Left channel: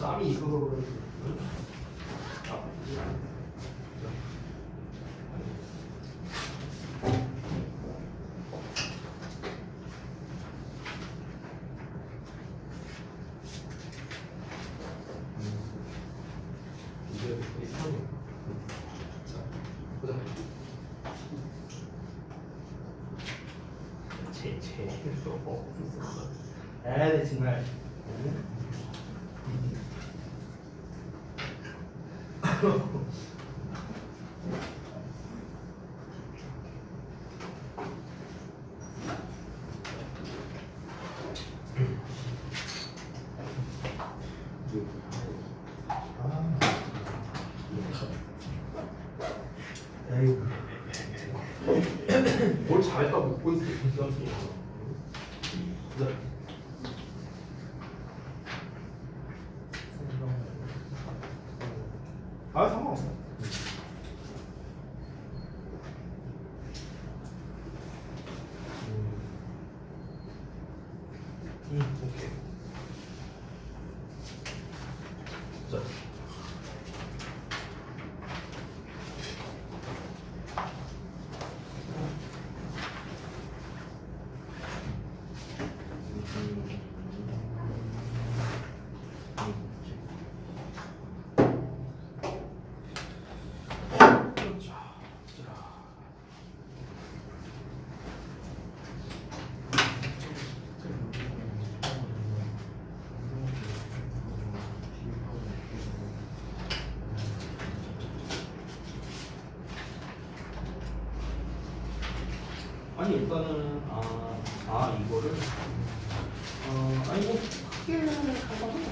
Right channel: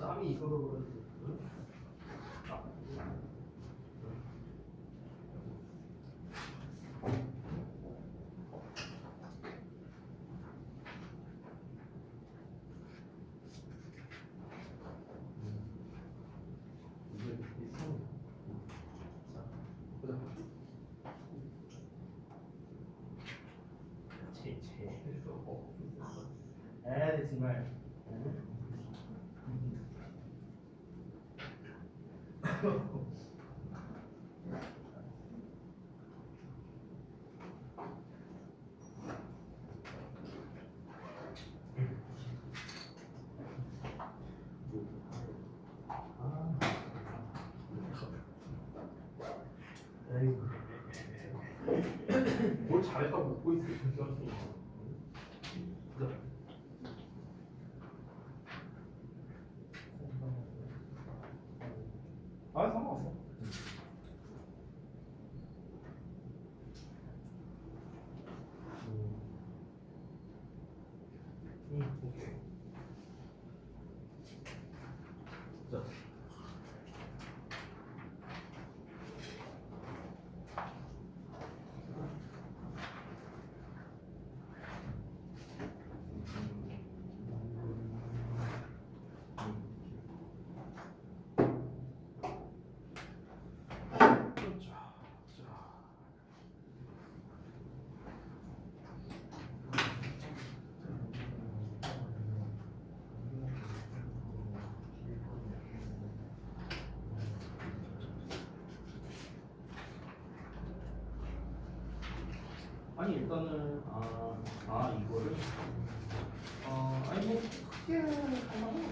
땀이 있어서 그런지. 이게 이상해. 자, 보자. 제일 없었어. 에이 정말. 뭘 잘했다고 묻고 있어. 아 상관없어. 오케이. 자. 아니 일단은 이거를 아니 뭐 크게 할 만한 없어.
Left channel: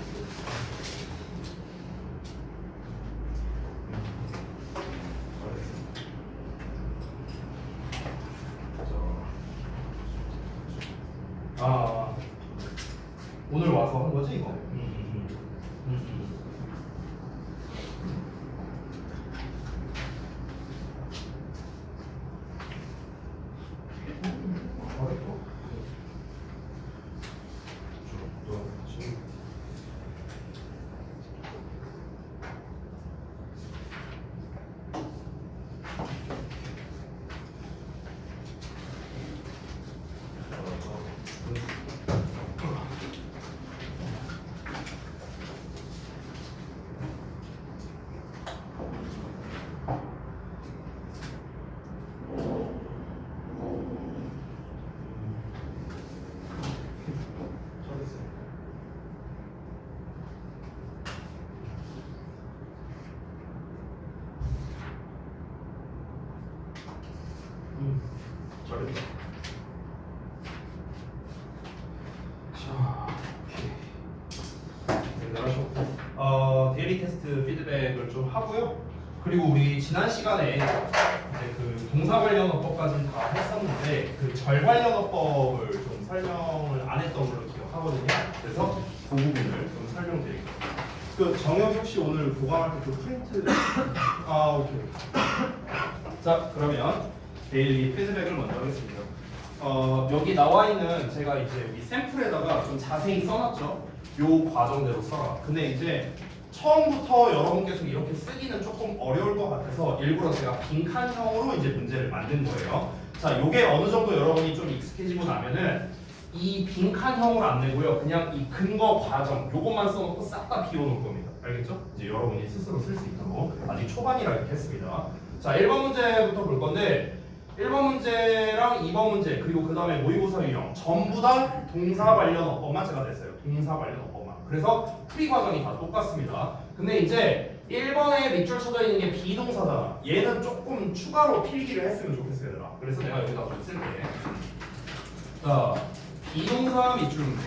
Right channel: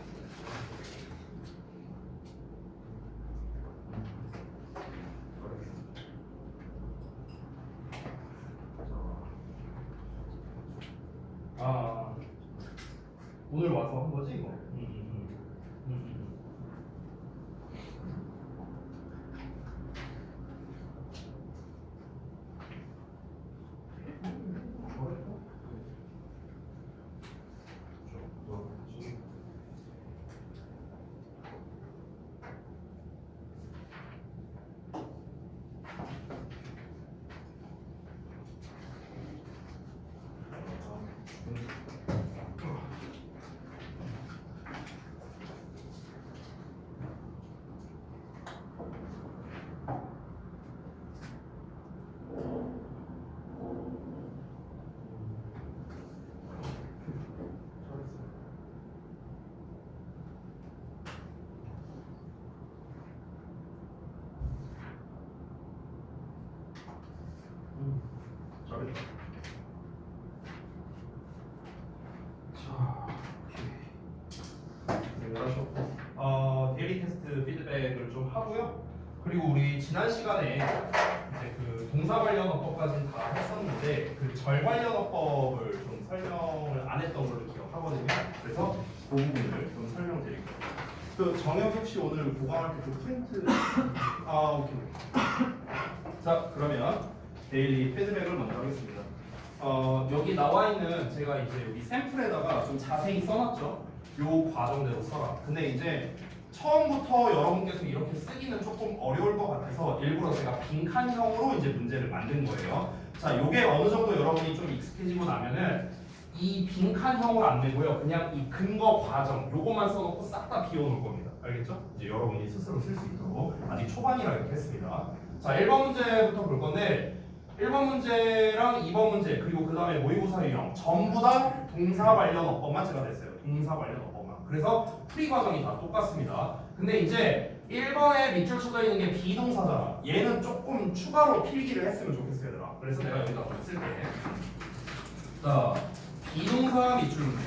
오늘 와서 한 거지 이거. 잘했다. 자, 오케이. 잘하셨고, 데일리 테스트 피드백을 좀 하고요. 그리고 우리 지난 시간에 이제 그 동사 관련어법까지 다 했었는데 그 절 관련어법을 좀 설명을 안 했던 걸로 기억하거든요. 그래서 그 부분을 좀 설명드릴게요. 그 정혁 혹시 오늘 보강할 때 그 프린트 오케이. 자, 그러면 데일리 피드백을 먼저 하겠습니다. 여기 나와 있는 제가 이제 여기 샘플에다가 좀 자세히 써놨죠. 요 과정대로 써라. 근데 이제 처음부터 여러분께서 이렇게 쓰기는 조금 어려울 것 같아서 일부러 제가 빈칸형으로 이제 문제를 만든 거예요. 자, 요게 어느 정도 여러분이 좀 익숙해지고 나면은 이 빈칸형으로 안 내고요. 그냥 이 근거 과정 요것만 써놓고 싹 다 비워놓을 겁니다. 알겠죠? 이제 여러분이 스스로 쓸 수 있도록 아직 초반이라 이렇게 했습니다. 자, 1번 문제부터 볼 건데 1번 문제랑 2번 문제 그리고 그 다음에 모의고사 유형 전부 다 동사 관련 어법만 제가 냈어요. 동사 관련 어법만. 그래서 풀이 과정이 다 똑같습니다. 근데 이제 1번에 밑줄 쳐져 있는 게 비동사잖아. 얘는 조금 추가로 필기를 했으면 좋겠어요, 얘들아. 그래서 내가 여기다 좀 쓸게. 자, 비동사 밑줄 문제.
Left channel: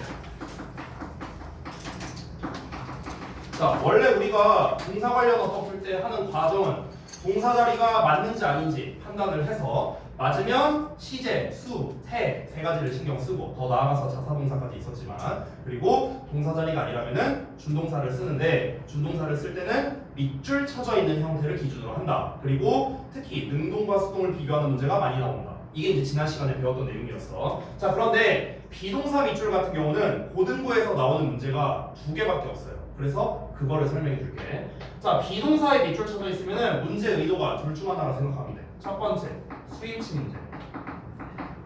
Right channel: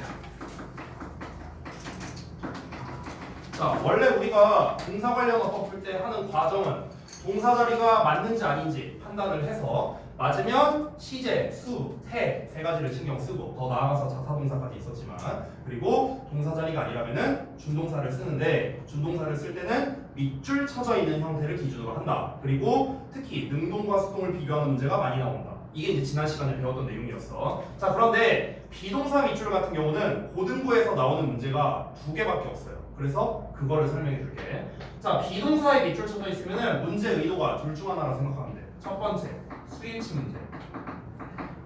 자, 원래 우리가 동사 관련 어법 풀 때 하는 과정은 동사 자리가 맞는지 아닌지 판단을 해서 맞으면 시제, 수, 태 세 가지를 신경 쓰고 더 나아가서 자사동사까지 있었지만 그리고 동사 자리가 아니라면은 준동사를 쓰는데 준동사를 쓸 때는 밑줄 쳐져 있는 형태를 기준으로 한다. 그리고 특히 능동과 수동을 비교하는 문제가 많이 나온다. 이게 이제 지난 시간에 배웠던 내용이었어. 자, 그런데 비동사 밑줄 같은 경우는 고등부에서 나오는 문제가 2개밖에 없어요. 그래서 그거를 설명해 줄게. 자, 비동사에 밑줄 쳐져 있으면은 문제 의도가 둘 중 하나라 생각하면 돼. 첫 번째, 스위치 문제.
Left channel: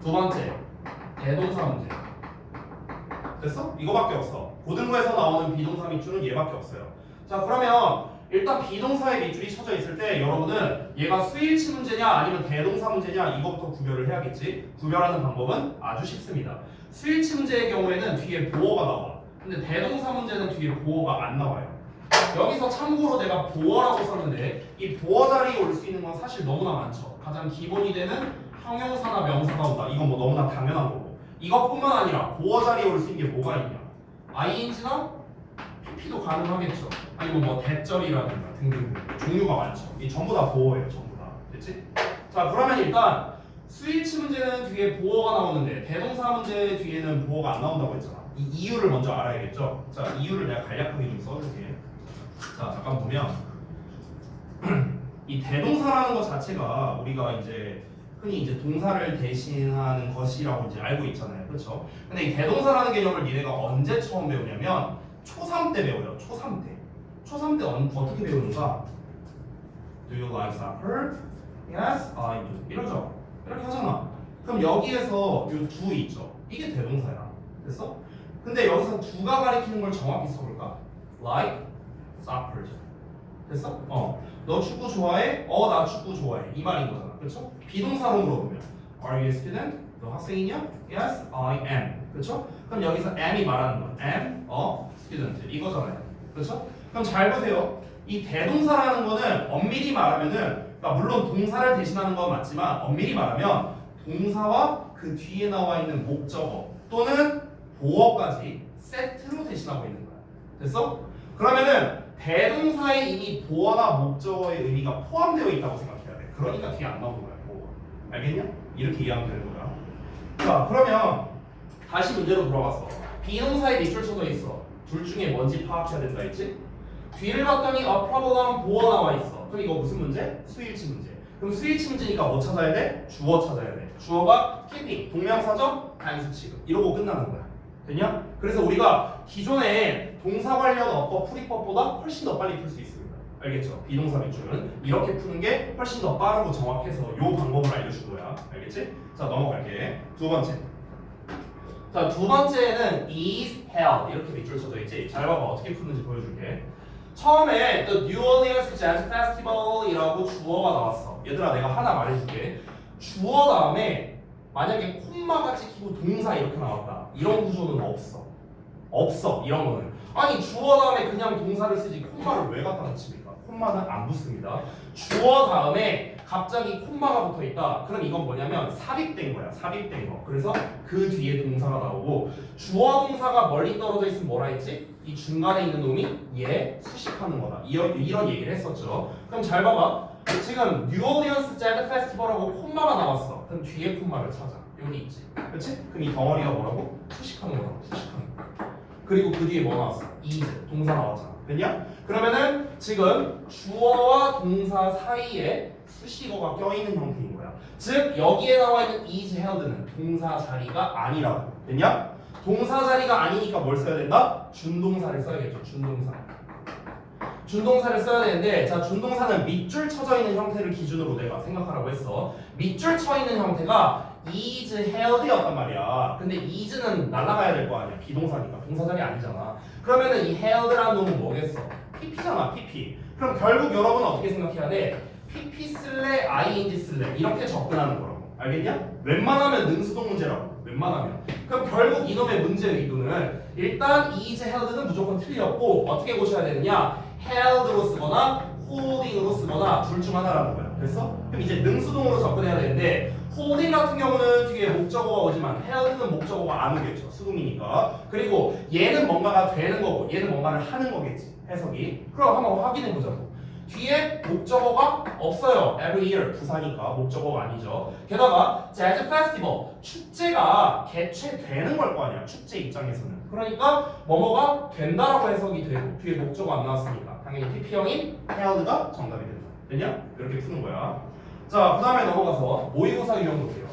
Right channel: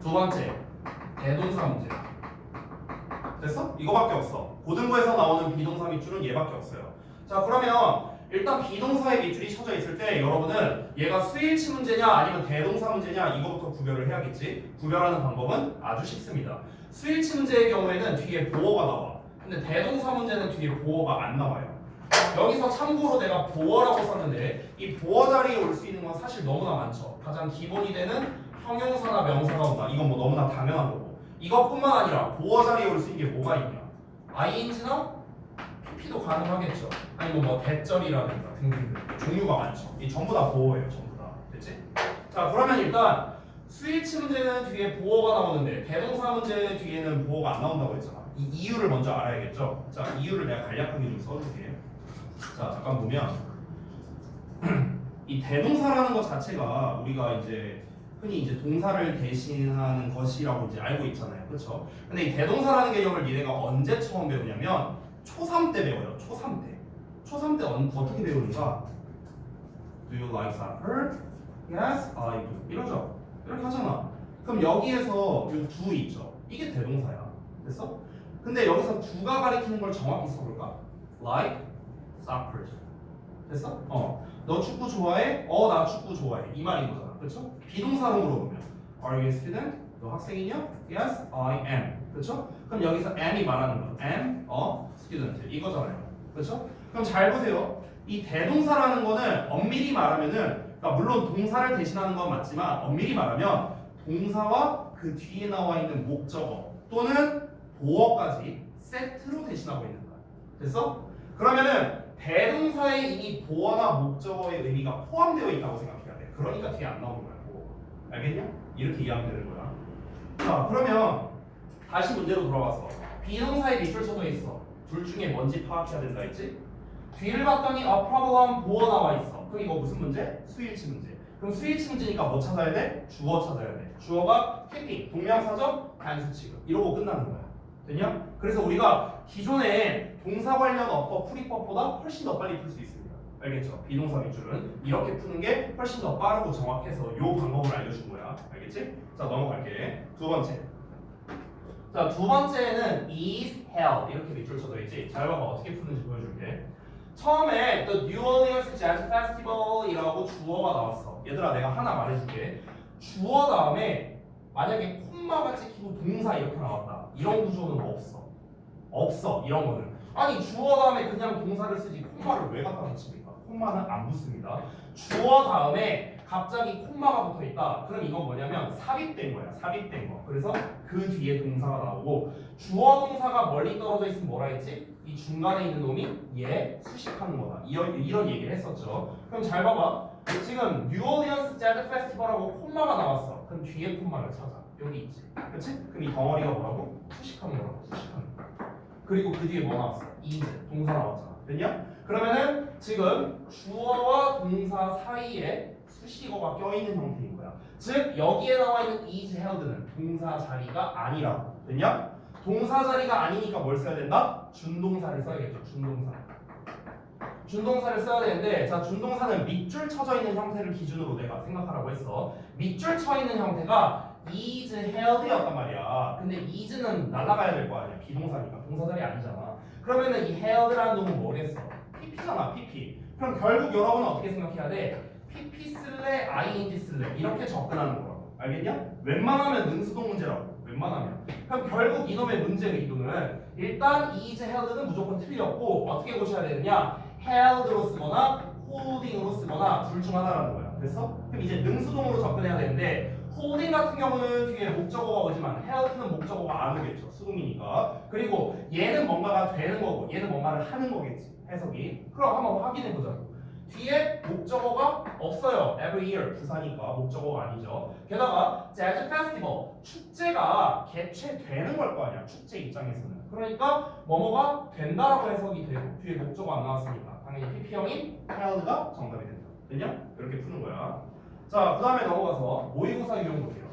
두 번째, 대동사 문제. 됐어? 이거밖에 없어. 고등부에서 나오는 비동사 밑줄은 얘밖에 없어요. 자, 그러면 일단 비동사의 밑줄이 쳐져 있을 때 여러분은 얘가 스위치 문제냐 아니면 대동사 문제냐 이거부터 구별을 해야겠지. 구별하는 방법은 아주 쉽습니다. 스위치 문제의 경우에는 뒤에 보어가 나와. 근데 대동사 문제는 뒤에 보어가 안 나와요. 여기서 참고로 내가 보어라고 썼는데 이 보어 자리에 올 수 있는 건 사실 너무나 많죠. 가장 기본이 되는 형용사나 명사가 온다. 이건 뭐 너무나 당연한 거고. 이것뿐만 아니라 보어 자리에 올 수 있는 게 뭐가 있냐? ing나 pp도 가능하겠죠. 아니면 뭐 대절이라든가 등등등 종류가 많죠. 이 전부 다 보어예요. 전부 다. 됐지? 자, 그러면 일단 스위치 문제는 뒤에 보어가 나오는데 대동사 문제 뒤에는 보어가 안 나온다고 했잖아. 이 이유를 먼저 알아야겠죠. 자, 이유를 내가 간략하게 좀 써줄게. 자, 잠깐 보면 이 대동사라는 것 자체가 우리가 이제 흔히 이제 동사를 대신하는 것이라고 이제 알고 있잖아요, 그렇죠? 근데 이 대동사라는 개념을 얘네가 언제 처음 배우냐면 초3 때 배워요. 초3 때. 초3 때 어떻게 배우는가? Do you like soccer? Yes, I do. 이러죠. 이렇게 하잖아. 그럼 여기에서 이 do 있죠. 이게 대동사야. 됐어? 근데 여기서 do가 가리키는 걸 정확히 써볼까? Like soccer. 됐어? 너 축구 좋아해? 나 축구 좋아해. 이 말인 거잖아. 그렇죠? 비동사로 물어보면 Are you a student? 너 학생이냐? Yes, I am. 그렇죠? 그럼 여기서 am이 말하는 건 am a student 이거잖아요. 그렇죠? 그럼 잘 보세요. 이 대동사라는 거는 엄밀히 말하면은 그러니까 물론 동사를 대신하는 건 맞지만 엄밀히 말하면 동사와 그 뒤에 나와 있는 목적어 또는 보어까지 세트로 대신하고 있는 거야. 됐어? 그러면은 대동사에 이미 보어나 목적어의 의미가 포함되어 있다고 생각해야 돼. 그러니까 뒤에 안 나오는 거야. 알겠냐? 이렇게 이해하면 되는 거야. 자, 그러면 다시 문제로 돌아와서 비동사에 밑줄 쳐져 있어. 둘 중에 뭔지 파악해야 된다 했지? 뒤를 봤더니 a problem 보어 나와 있어. 그럼 이거 무슨 문제? 수일치 문제. 그럼 수일치 문제니까 뭐 찾아야 돼? 주어 찾아야 돼. 주어가 PP, 동명사죠? 단수 취급. 이러고 끝나는 거야. 됐냐? 그래서 우리가 기존에 동사 관련 어법, 풀이법보다 훨씬 더 빨리 풀 수 있습니다. 알겠죠? 비동사 밑줄은 이렇게 푸는 게 훨씬 더 빠르고 정확해서 이 방법을 알려준 거야. 알겠지? 자, 넘어갈게. 두 번째. 자, 두 번째는 is held 이렇게 밑줄 쳐져 있지. 잘 봐봐. 어떻게 푸는지 보여줄게. 처음에 The New Orleans Jazz Festival이라고 주어가 나왔어. 얘들아, 내가 하나 말해줄게. 주어 다음에 만약에 콤마가 찍히고 동사 이렇게 나왔다. 이런 구조는 없어. 없어. 이런 거는. 아니, 주어 다음에 그냥 동사를 쓰지 콤마를 왜 갖다 붙입니까? 콤마는 안 붙습니다. 주어 다음에 갑자기 콤마가 붙어 있다. 그럼 이건 뭐냐면 삽입된 거야. 삽입된 거. 그래서 그 뒤에 동사가 나오고 주어 동사가 멀리 떨어져 있으면 뭐라 했지? 이 중간에 있는 놈이 얘 수식하는 거다. 이런 얘기를 했었죠. 그럼 잘 봐봐. 지금 뉴올리언스 재즈 페스티벌하고 콤마가 나왔어. 그럼 뒤에 콤마를 찾아. 여기 있지. 그렇지? 그럼 이 덩어리가 뭐라고? 수식하는 거라고. 수식하는 거. 그리고 그 뒤에 뭐 나왔어? is 동사 나왔잖아. 됐냐? 그러면은 지금 주어와 동사 사이에 수식어가 껴있는 형태인 거야. 즉 여기에 나와 있는 is held는 동사 자리가 아니라고. 됐냐? 동사 자리가 아니니까 뭘 써야 된다? 준동사를 써야겠죠. 준동사. 준동사를 써야 되는데, 자, 준동사는 밑줄 쳐져 있는 형태를 기준으로 내가 생각하라고 했어. 밑줄 쳐 있는 형태가 is held였단 말이야. 근데 is는 날아가야 될 거 아니야. 비동사니까. 동사 자리 아니잖아. 그러면은 이 held라는 놈은 뭐겠어? pp잖아. pp. 그럼 결국 여러분은 어떻게 생각해야 돼? pp 쓸래 ing 쓸래 이렇게 접근하는 거라고. 알겠냐? 웬만하면 능수동 문제라고. 웬만하면. 그럼 결국 이놈의 문제 의도는 일단 is held는 무조건 틀렸고 어떻게 고쳐야 되느냐? held로 쓰거나 holding으로 쓰거나 둘 중 하나라는 거야. 됐어? 그럼 이제 능수동으로 접근해야 되는데 holding 같은 경우는 뒤에 목적어가 오지만 held는 목적어가 안 오겠죠. 수동이니까. 그리고 얘는 뭔가가 되는 거고 얘는 뭔가를 하는 거겠지. 해석이. 그럼 한번 확인해 보자고. 뒤에 목적어가 없어요. Every year 부사니까 목적어가 아니죠. 게다가 재즈 페스티벌 축제가 개최되는 걸 거 아니야. 축제 입장에서는. 그러니까 뭐뭐가 된다라고 해석이 되고 뒤에 목적어 안 나왔으니까 당연히 PP형인 held가 정답이 된다. 됐냐? 이렇게 푸는 거야. 자, 그 다음에 넘어가서 모의고사 유형 볼게요.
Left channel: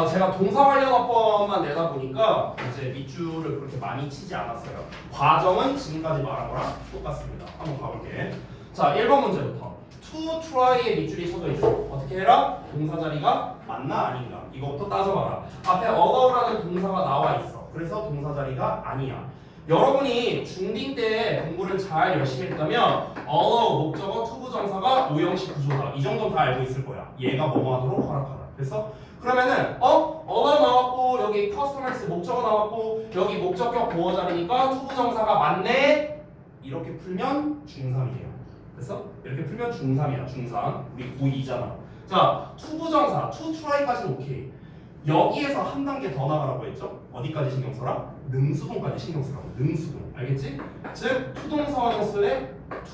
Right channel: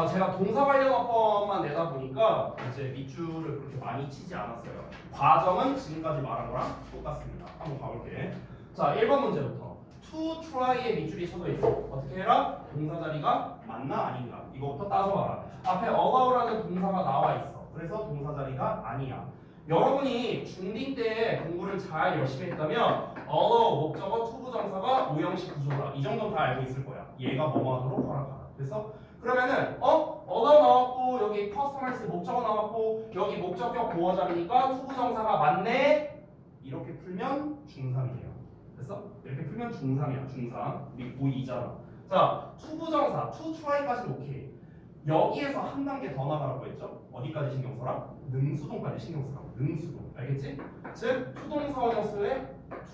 제가 동사 관련어법만 내다 보니까 이제 밑줄을 그렇게 많이 치지 않았어요. 과정은 지금까지 말한 거랑 똑같습니다. 한번 가볼게. 자, 1번 문제부터. to try에 밑줄이 쳐져 있어. 어떻게 해라? 동사 자리가 맞나 아닌가? 이거부터 따져봐라. 앞에 allow라는 동사가 나와 있어. 그래서 동사 자리가 아니야. 여러분이 중딩 때 공부를 잘 열심히 했다면 allow 목적어 to 부정사가 오형식 구조다. 이 정도는 다 알고 있을 거야. 얘가 뭐뭐 하도록 허락하다. 그래서 그러면은 allow 나왔고 여기 customize 목적어 나왔고 여기 목적격 보어 자리니까 to 부정사가 맞네. 이렇게 풀면 중3이에요. 그래서 이렇게 풀면 중3이야. 중3. 우리 고2잖아. 자, to 부정사, to try까지는 오케이. 여기에서 한 단계 더 나가라고 했죠? 어디까지 신경 써라? 능수동까지 신경 쓰라고. 능수동. 알겠지? 즉, 투동사원형 쓸래?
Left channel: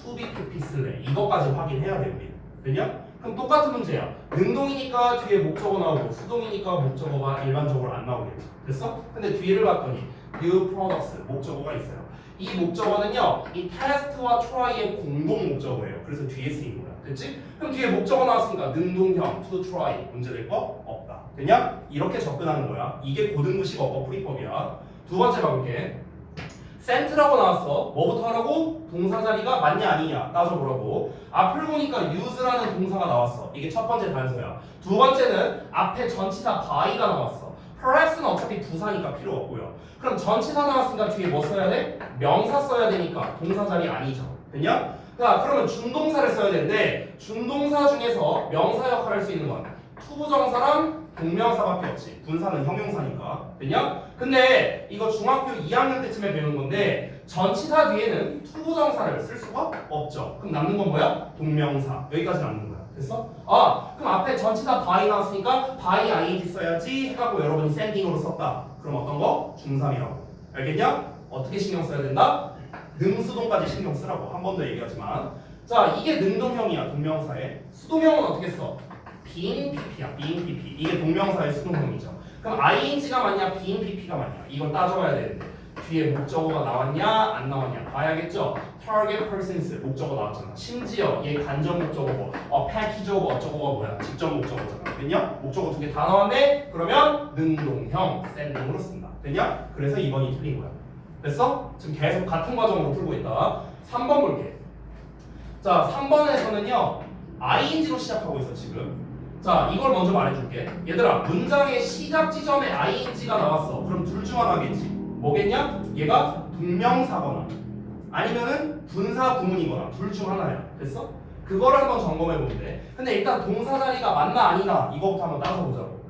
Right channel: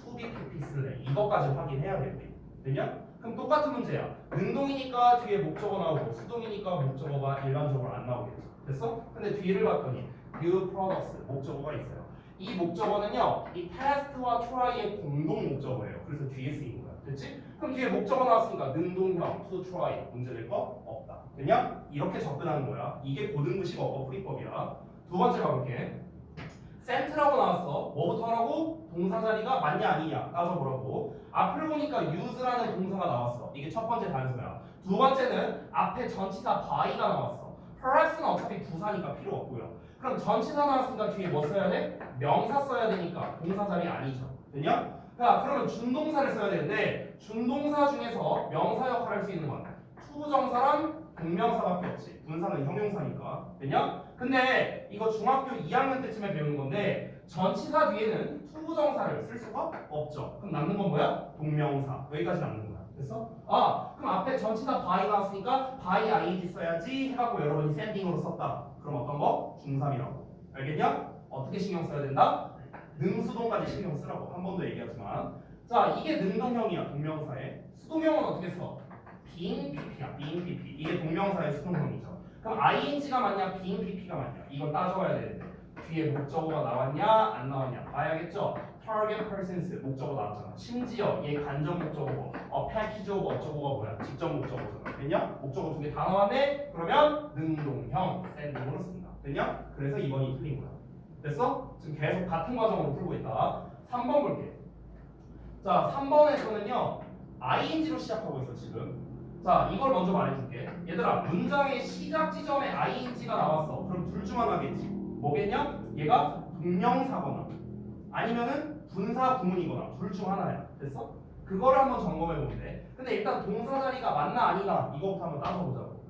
to be, to be 쓸래? 이것까지 확인해야 돼, 우리. 되냐? 그럼 똑같은 문제야. 능동이니까 뒤에 목적어 나오고 수동이니까 목적어가 일반적으로 안 나오겠죠. 됐어? 근데 뒤를 봤더니 new products 목적어가 있어요. 이 목적어는요, 이 test와 try의 공동 목적어예요. 그래서 뒤에 쓰인 거야. 됐지? 그럼 뒤에 목적어 나왔으니까 능동형 to try 문제될 거 없다. 됐냐? 이렇게 접근하는 거야. 이게 고등부식 어법 풀이법이야. 두 번째 가볼게. sent라고 나왔어. 뭐부터 하라고? 동사 자리가 맞냐 아니냐 따져보라고. 앞을 보니까 use라는 동사가 나왔어. 이게 첫 번째 단서야. 두 번째는 앞에 전치사 by가 나왔어. perhaps는 어차피 부사니까 필요 없고요. 그럼 전치사 나왔으니까 뒤에 뭐 써야 돼? 명사 써야 되니까 동사 자리 아니죠. 됐냐? 자, 그러면 준동사를 써야 되는데 준동사 중에서 명사 역할을 할 수 있는 건 투부정사랑 동명사밖에 없지. 분사는 형용사니까. 됐냐? 근데 이거 중학교 2학년 때쯤에 배우는 건데 전치사 뒤에는 투부정사를 쓸 수가 없죠. 그럼 남는 건 뭐야? 동명사. 여기까지 남는 거야. 됐어? 그럼 앞에 전치사 by 나왔으니까 by ing 써야지 해갖고 여러분이 sending으로 썼다. 그럼 어떤 거? 중3이라고. 알겠냐? 어떻게 신경 써야 된다? 능수동까지 신경 쓰라고. 한 번 더 얘기하지만. 자, 이게 능동형이야. 동명사에. 수동형은 어떻게 써? being pp야. being pp. 이게 동명사의 수동형이죠. 그럼 ing가 맞냐? being pp가 맞냐? 이걸 따져봐야 되는데 뒤에 목적어가 나왔냐? 안 나왔냐? 봐야겠죠? target persons 목적어 나왔잖아. 심지어 얘 간접 목적어고 package of 어쩌고가 뭐야? 직접 목적어잖아. 됐냐? 목적어 두 개 다 나왔네? 그러면 능동형 sending으로 쓴다. 됐냐? 그래서 2번이 틀린 거야. 됐어? 지금 계속 같은 과정으로 풀고 있다. 3번 볼게. 자, 3번에서는요 ing로 시작하고 있어 지금. 자, 이걸 먼저 말해줄게. 얘들아, 문장의 시작 지점에 ing가 나왔어. 그럼 둘 중 하나겠지. 뭐겠냐? 얘가 동명사거나 아니면은 분사 구문이거나 둘 중 하나야. 됐어? 그걸 한번 점검해 보면 돼. 근데 일단 동사 자리가 맞나 아니다 이거부터 한번 따져보자고.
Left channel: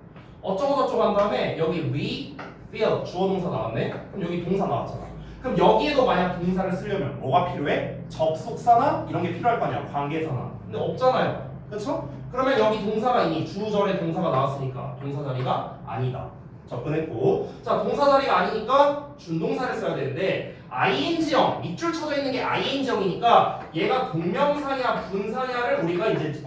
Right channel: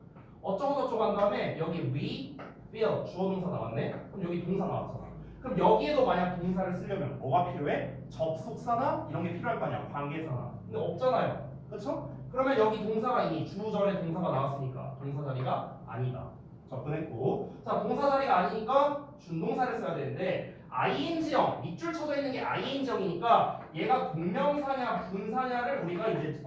어쩌고저쩌고 한 다음에 여기 we, feel 주어 동사 나왔네. 그럼 여기 동사 나왔잖아. 그럼 여기에도 만약 동사를 쓰려면 뭐가 필요해? 접속사나 이런 게 필요할 거 아니야. 관계사나. 근데 없잖아요. 그렇죠? 그러면 여기 동사가 이미 주절에 동사가 나왔으니까 동사 자리가 아니다. 접근했고. 자, 동사 자리가 아니니까 준동사를 써야 되는데 ing형 밑줄 쳐져 있는 게 ing형이니까 얘가 동명사냐 분사냐를 우리가 이제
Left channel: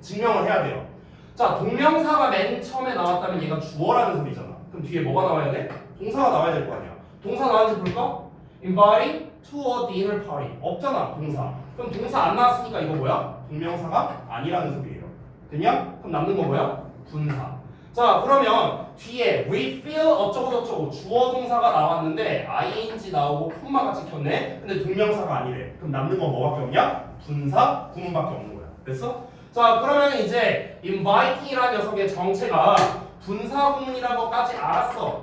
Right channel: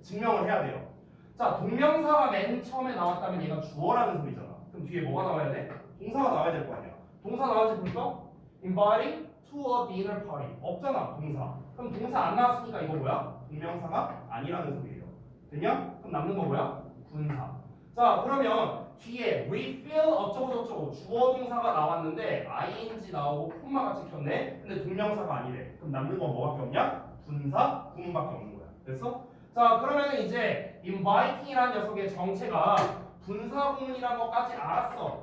증명을 해야 돼요. 자, 동명사가 맨 처음에 나왔다면 얘가 주어라는 소리잖아. 그럼 뒤에 뭐가 나와야 돼? 동사가 나와야 될 거 아니야. 동사 나왔는지 볼까? inviting to a dinner party 없잖아. 동사. 그럼 동사 안 나왔으니까 이거 뭐야? 동명사가 아니라는 소리예요. 됐냐? 그럼 남는 거 뭐야? 분사. 자, 그러면 뒤에 we feel 어쩌고저쩌고 주어 동사가 나왔는데 ing 나오고 콤마가 찍혔네. 근데 동명사가 아니래. 그럼 남는 건 뭐밖에 없냐? 분사, 구문밖에 없는 거야. 됐어? 자, 그러면 이제 inviting이라는 녀석의 정체가 분사 구문이라는 것까지 알았어.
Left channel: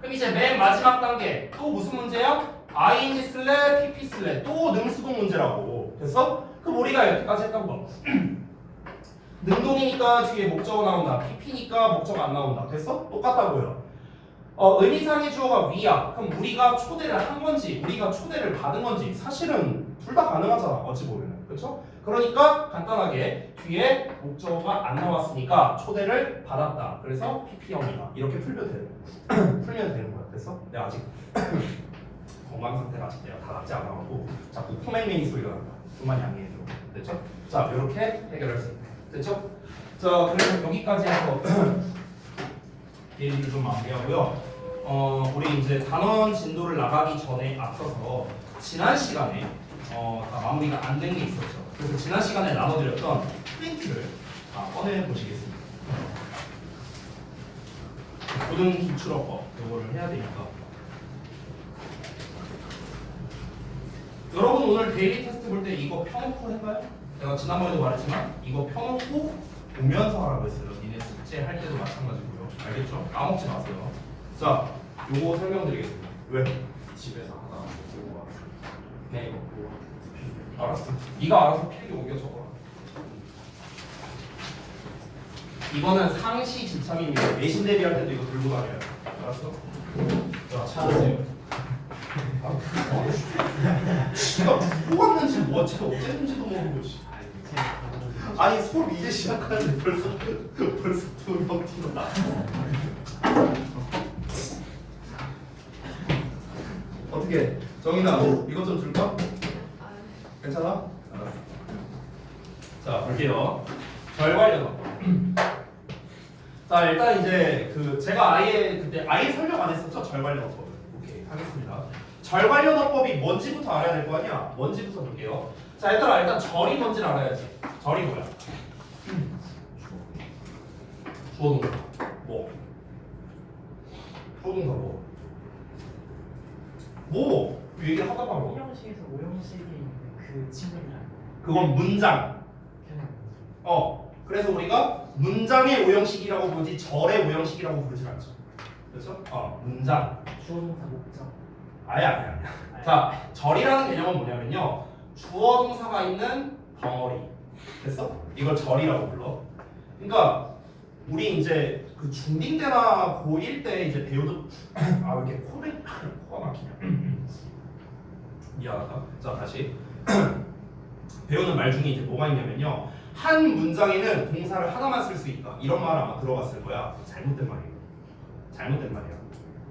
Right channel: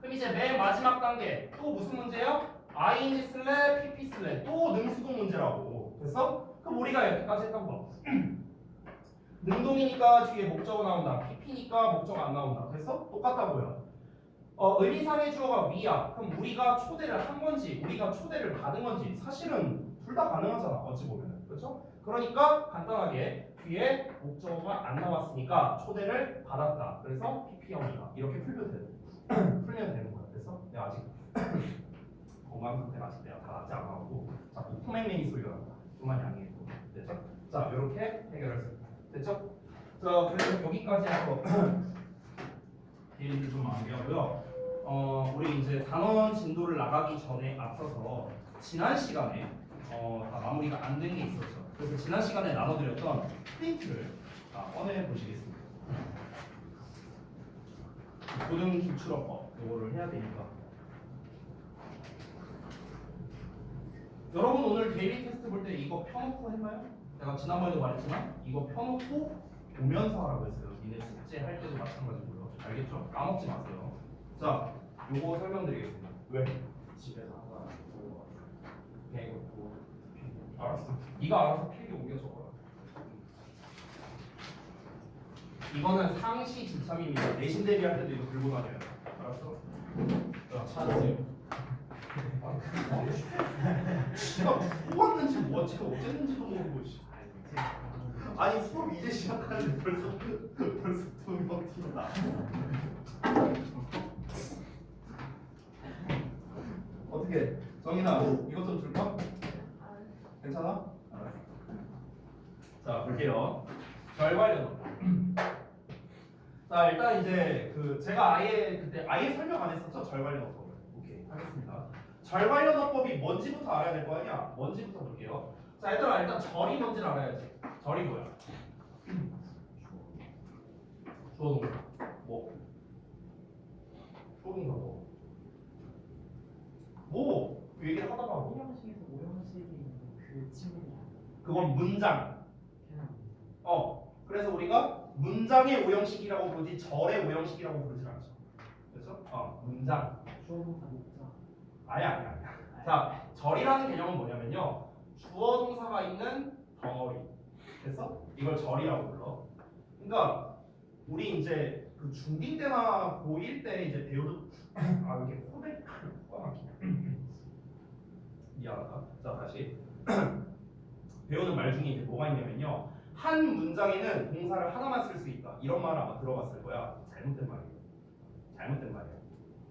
그럼 이제 맨 마지막 단계 또 무슨 문제야? ing 쓸래? pp 쓸래? 또 능수동 문제라고. 됐어? 그럼 우리가 여기까지 했던 거 능동이니까 뒤에 목적어 나온다. pp니까 목적어 안 나온다. 됐어? 똑같다고요. 의미상의 주어가 we야. 그럼 우리가 초대를 한 건지 우리가 초대를 받은 건지 사실은 둘 다 가능하잖아. 어찌 보면은. 그렇죠? 그러니까 간단하게 뒤에 목적어가 안 나왔으니까 초대를 받았다. 그래서 pp형이다. 이렇게 풀면 되는 거야. 됐어? 내가 아직 건강 상태가 아직 내가 다 낫지 않아가지고 자꾸 코맹맹이 소리가 난다. 좀만 양해해줘. 됐죠? 자, 이렇게 해결할 수 있다. 됐죠? 자, 그래서 여기까지 해서 얘기를 좀 마무리하고요. 우리 이제 단원 진도를 나가기 전에 앞서서 지난 시간에 다 마무리가 안 된 게 있었죠. 그래서 지난 시간에 나눠드렸던 프린트를 다 꺼내 보시겠습니다. 고등 기출어법 이거를 해야 되니까. 여러분 오늘 데일리 테스트 볼 때 이거 펴놓고 할까요? 내가 지난번에도 말했지만 이거 펴놓고 보면서 하라고 했어요. 니네 숙제 할 때도 마찬가지고요. 알겠죠? 까먹지 마세요. 자, 요거 설명드리겠습니다. 왜? 집에서 하다가 보고 와서 네. 보고 알았어. 네가 알아서 필기 옮겨 적어라. 이거는 상시 집착입니다. 내신 대비할 때도 이거 들고 다녀요. 알았어? 와 찾았어요. 지가 누구 왔는지 뭐 지가 어쨌는지도 모르고 씨. 아니 수업 이제 시작하는데 벌써 2명 튀어나. 어떻게 정인아 이것 좀 줄까? 괜찮아? 알았어. 자 볼게요. 절괄련어법. 자 일단 이제 그 제가 그때 아예 설명 안 했었죠 절괄련어법. 오케이 하겠습니다. 절괄련어법이 뭔지부터 알아야 될 거 아니야? 뭔지부터 볼게요. 자 얘들아 일단 절이 뭔지를 알아야지. 절이 뭐야? 주어동사 뭐? 주어동사 뭐? 뭐? 얘기를 하다 바로 오형식에서 오형식이 있는 그 친구들이랑 그건 문장. 그냥 그래서 우리가 문장의 오형식이라고 부르지 절의 오형식이라고 부르진 않죠. 그렇죠? 문장. 주어동사 목적 아니야. 자, 절이라는 개념은 뭐냐면요. 주어 동사가 있는 덩어리. 됐어? 이걸 절이라고 불러. 그러니까 우리 이제 그 중딩 때나 고1 때 이제 배우던 왜 이렇게 코가 막히냐. 미안하다. 자, 다시. 배우는 말 중에 이제 뭐가 있냐면요. 한 문장에는 동사를 하나만 쓸 수 있다. 이런 말 아마 들어봤을 거야. 잘못된 말이에요. 잘못된 말이야.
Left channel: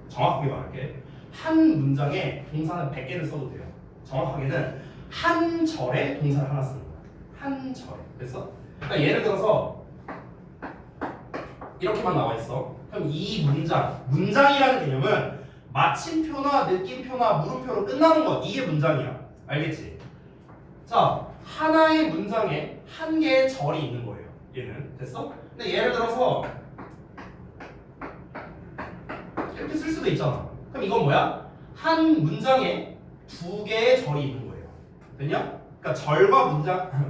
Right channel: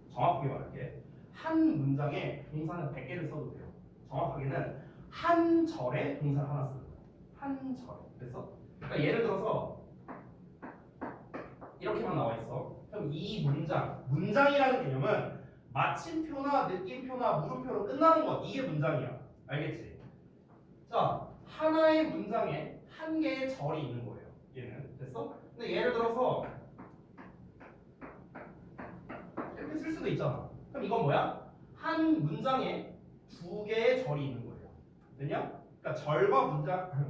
정확하게 말할게. 한 문장에 동사는 100개를 써도 돼요. 정확하게는 한 절에 동사를 하나 쓰는 거야. 한 절에. 됐어? 그러니까 예를 들어서 이렇게만 나와 있어. 그럼 이 문장이라는 개념은 마침표나 느낌표나 물음표로 끝나는 것. 이게 문장이야. 알겠지? 자, 하나의 문장에 한 개의 절이 있는 거예요. 얘는. 됐어? 근데 예를 들어서 이렇게 쓸 수도 있잖아. 그럼 이건 뭐야? 한 문장에 두 개의 절이 있는 거예요. 됐냐? 그러니까 절과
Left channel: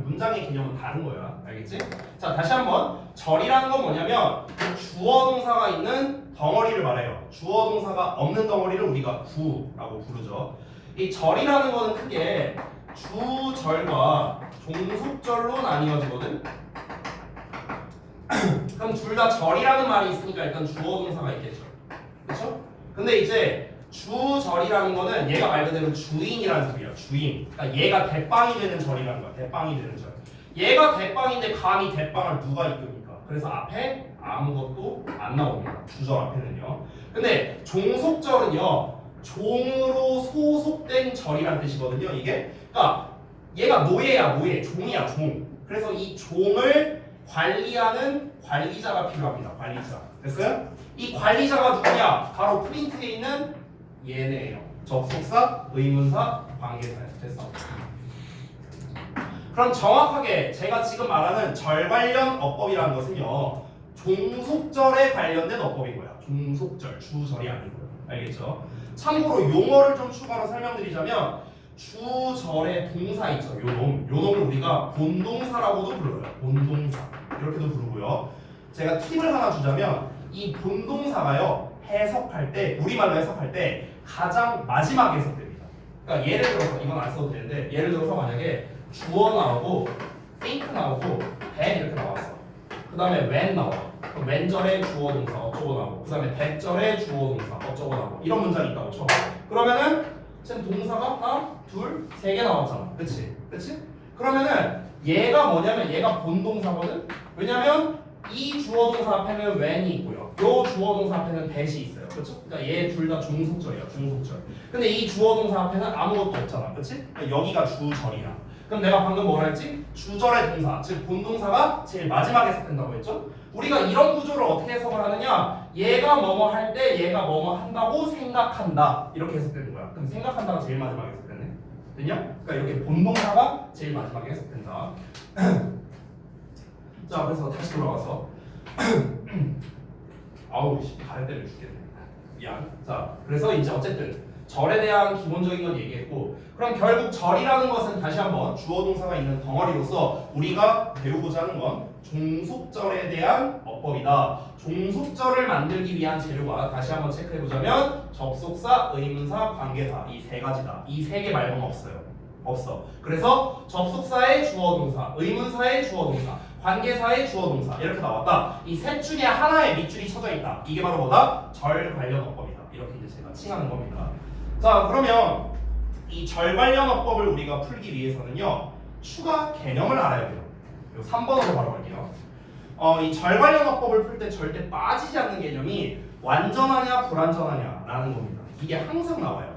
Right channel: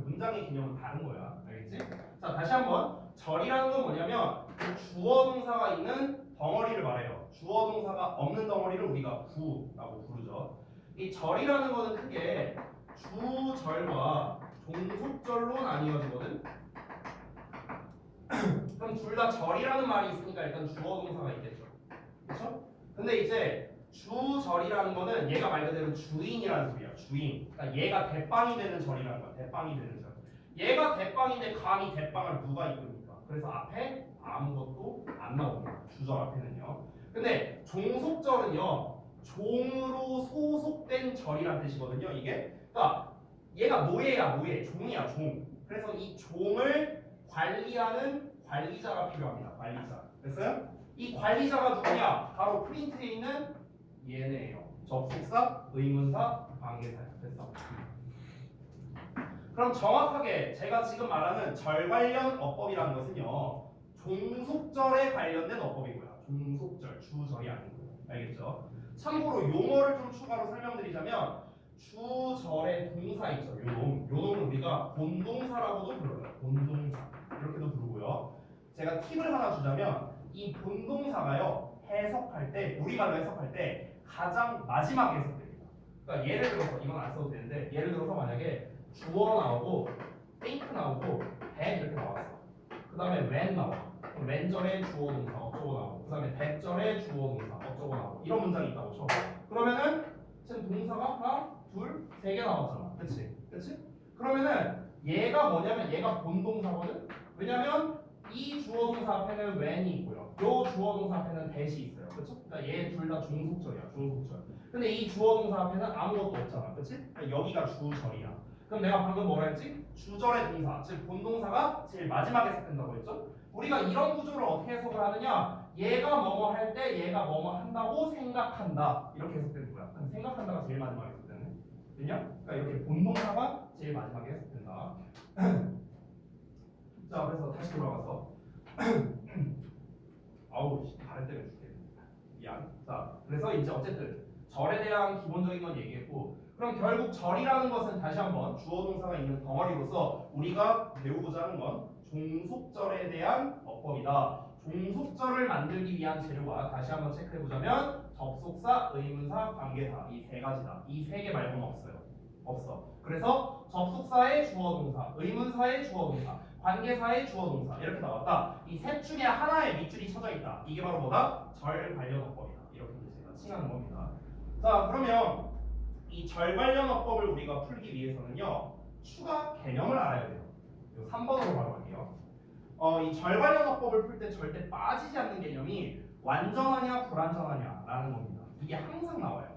문장의 개념은 다른 거야. 알겠지? 자, 다시 한번 절이라는 건 뭐냐면 주어 동사가 있는 덩어리를 말해요. 주어 동사가 없는 덩어리를 우리가 구라고 부르죠. 이 절이라는 거는 크게 주절과 종속절로 나뉘어지거든. 그럼 둘 다 절이라는 말이 있으니까 일단 주어 동사가 있겠죠. 그렇죠? 근데 이제 주절이라는 거는 얘가 말 그대로 주인이라는 소리야. 주인. 그러니까 얘가 대빵이 되는 절이라는 거야. 대빵이 되는 절. 얘가 대빵인데 감히 대빵을 누가 이끕니까? 그래서 앞에 아무것도 안 나옵니다. 주절 앞에는요. 근데 종속절은요. 종으로 소속된 절이라는 뜻이거든요. 이게. 그러니까 얘가 노예야, 노예. 종이야, 종. 그래서 이 종을 관리하는 관리자가 필요합니다. 관리자. 됐어요? 이 관리자가 누구냐? 바로 프린트에 있는 얘네예요. 접속사, 의문사, 관계사예요. 됐어? 그럼 정확하게 제가 지금 말하는 절 관련 어법이라는 것은요. 종속절에 관련된 어법이고요. 종속절, 주절이 아니고요. 알겠죠? 참고로 용어를 좀 추가로 설명드리자면 주절의 동사 있죠. 요놈을 우리가 본동사라고도 불러요. 본동사. 이렇게도 부르고요. 제가 팁을 하나 주자면 이 본동사가요. 해석할 때 우리말로 해석할 때 가장 마지막에 해석됩니다. 그러니까 예를 들어서 이건 안 써도 되는데 예를 들어서 만약에 주어 나오고 think 나오고 then 이렇게 나왔어. 그 다음에 when 나와. 그럼 when절의 주어 동사 어쩌고 나오고 그 다음에 that절의 주어 동사 어쩌고 나오고 이런 문장이 있다고 쳐. 그러면은 지금 동사가 하나, 둘, 세 개 나왔잖아. 그치? 그치? 그러면은 얘가 뭐냐면 얘가 본동사거든? 왜냐면 이 주어 동사 앞에는 when이 있고요. 요 주어 동사 앞에는 that이 있어요. 그렇죠? 그러니까 얘 둘 다 종속절이야. 종속절. 근데 이 주어 동사 앞에는 아무것도 없잖아. 그렇지? 그러니까 여기가 주절이야. 그럼 내가 방금 뭐라 했지? 주절의 동사, 즉 본동사가 제일 마지막에 해석된다고 했죠? 우리가 이런 구조를 어떻게 해석을 하느냐? 얘가 뭐뭐 할 때 얘가 뭐뭐 한다고 생각한다. 이렇게 해석되는 거야. 그럼 생각한다가 제일 마지막에 해석되네. 됐냐? 그러니까 이렇게 본동사가 제일 마지막에 해석된다. 자, 그래서 다시 돌아가서 아우 가래 때문에 죽겠네. 미안. 자, 그래서 이제 어쨌든 절에 대한 기본적인 건 얘기했고, 그럼 결국 절이라는 것은 다시 한번 주어 동사가 있는 덩어리로서 우리가 배우고자 하는 건 종속절에 대한 어법이다. 종속절을 만들기 위한 재료가 다시 한번 체크해 보자면 접속사, 의문사, 관계사 이 세 가지다. 이 세 개 말고는 없어요. 없어. 그래서 접속사의 주어 동사, 의문사의 주어 동사, 관계사의 주어 동사 이렇게 나왔다. 이 셋 중에 하나의 밑줄이 쳐져 있다. 이게 바로 뭐다? 절 관련 어법이다. 이렇게 이제 제가 칭하는 겁니다. 자, 그러면 이 절 관련 어법을 우리가 풀기 위해서는요, 추가 개념을 알아야 돼요. 요 3번으로 바로 갈게요. 이 절 관련 어법을 풀 때 절대 빠지지 않는 개념이 완전하냐 불완전하냐라는 겁니다. 이게 항상 나와요.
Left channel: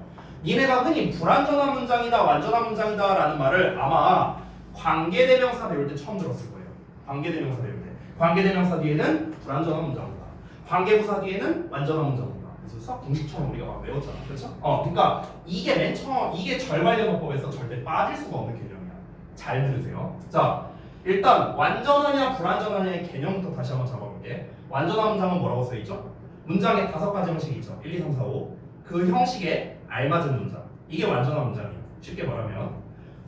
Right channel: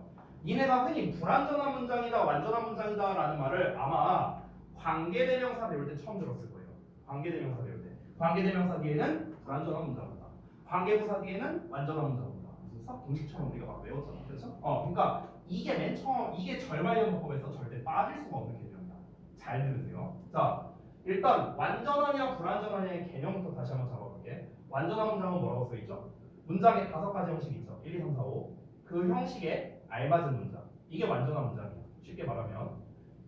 니네가 흔히 불완전한 문장이다 완전한 문장이다 라는 말을 아마 관계대명사 배울 때 처음 들었을 거예요. 관계대명사 배울 때 관계대명사 뒤에는 불완전한 문장이다, 관계부사 뒤에는 완전한 문장이다. 그래서 수학 공식처럼 우리가 막 외웠잖아, 그렇죠? 그러니까 이게 맨 처음, 이게 절 관련 어법에서 절대 빠질 수가 없는 개념이야. 잘 들으세요. 자, 일단 완전하냐 불완전하냐의 개념부터 다시 한번 잡아볼게. 완전한 문장은 뭐라고 써있죠? 문장에 5가지 형식이 있죠. 1, 2, 3, 4, 5. 그 형식에 알맞은 문장, 이게 완전한 문장이에요. 쉽게 말하면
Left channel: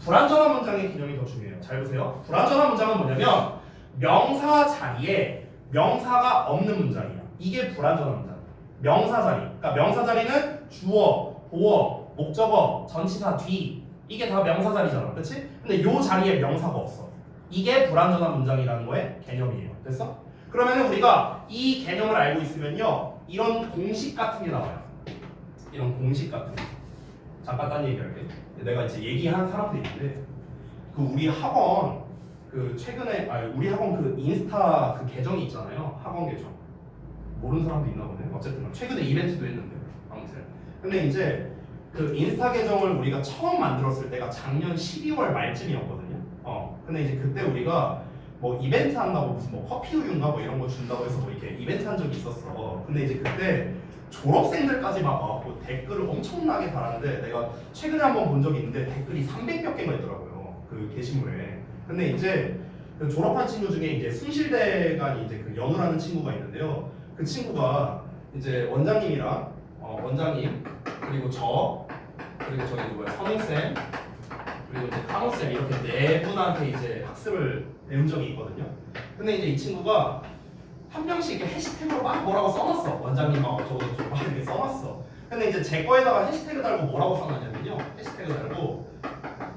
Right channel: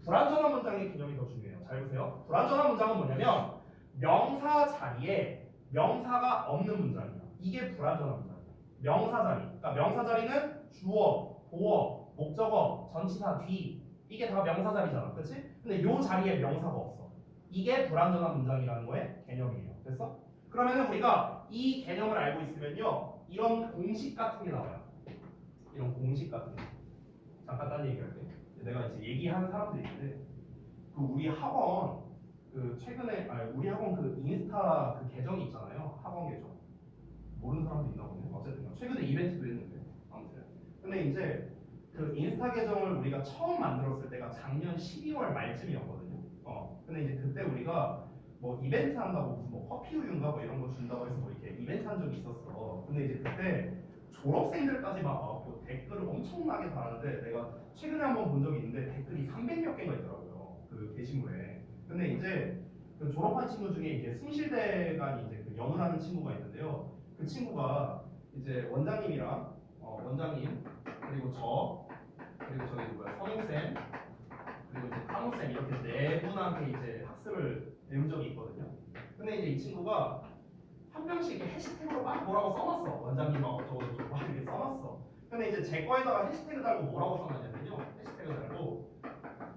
불완전한 문장의 개념이 더 중요해요. 잘 보세요. 불완전한 문장은 뭐냐면 명사 자리에 명사가 없는 문장이에요. 이게 불완전한 문장. 명사 자리, 그러니까 명사 자리는 주어, 보어, 목적어, 전치사 뒤, 이게 다 명사 자리잖아, 그렇지? 근데 요 자리에 명사가 없어. 이게 불완전한 문장이라는 거의 개념이에요. 됐어? 그러면 우리가 이 개념을 알고 있으면요, 이런 공식 같은 게 나와요. 이런 공식 같은 거. 잠깐 딴 얘기할게. 내가 이제 얘기하는 사람들이 있는데, 그 우리 학원 그 최근에 우리 학원 그 인스타 그 계정이 있잖아요. 학원 계정. 모르는 사람도 있나 보네. 어쨌든 최근에 이벤트도 했는데 아무튼. 근데 이제 그 인스타 계정을 우리가 처음 만들었을 때가 작년 12월 말쯤이었거든요. 근데 이제 그때 우리가 뭐 이벤트 한다고 무슨 뭐 커피 우유인가 뭐 이런 거 준다고 해서 뭐 이렇게 이벤트 한 적이 있었어. 근데 이제 그때 졸업생들까지 막 와갖고 댓글을 엄청나게 달았는데, 내가 최근에 한번 본 적이 있는데 댓글이 300몇 개가 있더라고요. 그 게시물에. 근데 이제 그 졸업한 친구 중에 이제 숭실대간이 이제 그 연우라는 친구가 있는데요. 그 친구가 이제 원장님이랑 원장님 그리고 저 그리고 저기 누구야 선생쌤 그리고 이제 카노쌤 이렇게 네 분한테 이제 학습을 배운 적이 있거든요. 근데 이제 이 친구가 한 명씩 이렇게 해시태그로 막 뭐라고 써놨어. 원장님하고 저도 막 이렇게 써놨어. 근데 이제 제 거에다가 해시태그 달고 뭐라고 써놨냐면요, 해시태그 달고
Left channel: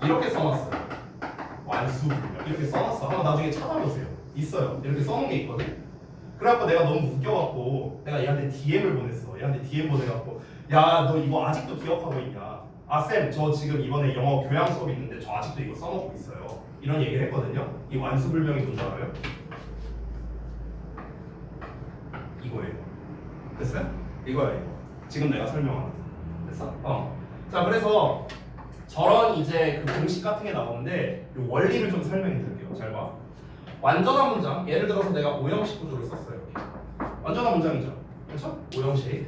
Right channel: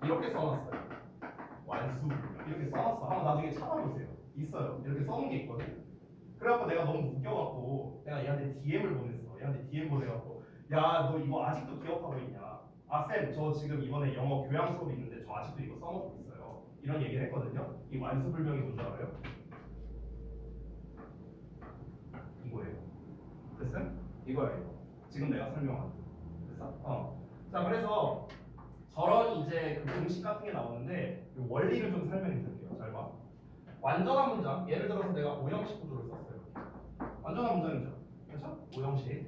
이렇게 써놨어요. 완수불명 이렇게 써놨어. 한번 나중에 찾아보세요. 있어요. 이렇게 써놓은 게 있거든. 그래갖고 내가 너무 웃겨갖고 내가 얘한테 DM을 보냈어. 얘한테 DM 보내갖고, 야 너 이거 아직도 기억하고 있냐? 아 쌤 저 지금 이번에 영어 교양 수업 있는데 저 아직도 이거 써놓고 있어요. 이런 얘기를 했거든요. 이 완수불명이 뭔지 알아요? 이거예요. 됐어요? 이거야 이거. 지금 내가 설명하는 거. 됐어? 자, 그래서 저런 이제 그 공식 같은 게 나오는데 이 원리를 좀 설명해 드릴게요. 잘 봐. 완전한 문장, 예를 들어서 내가 5형식 구조를 썼어요. 완전한 문장이죠. 그렇죠? 5형식.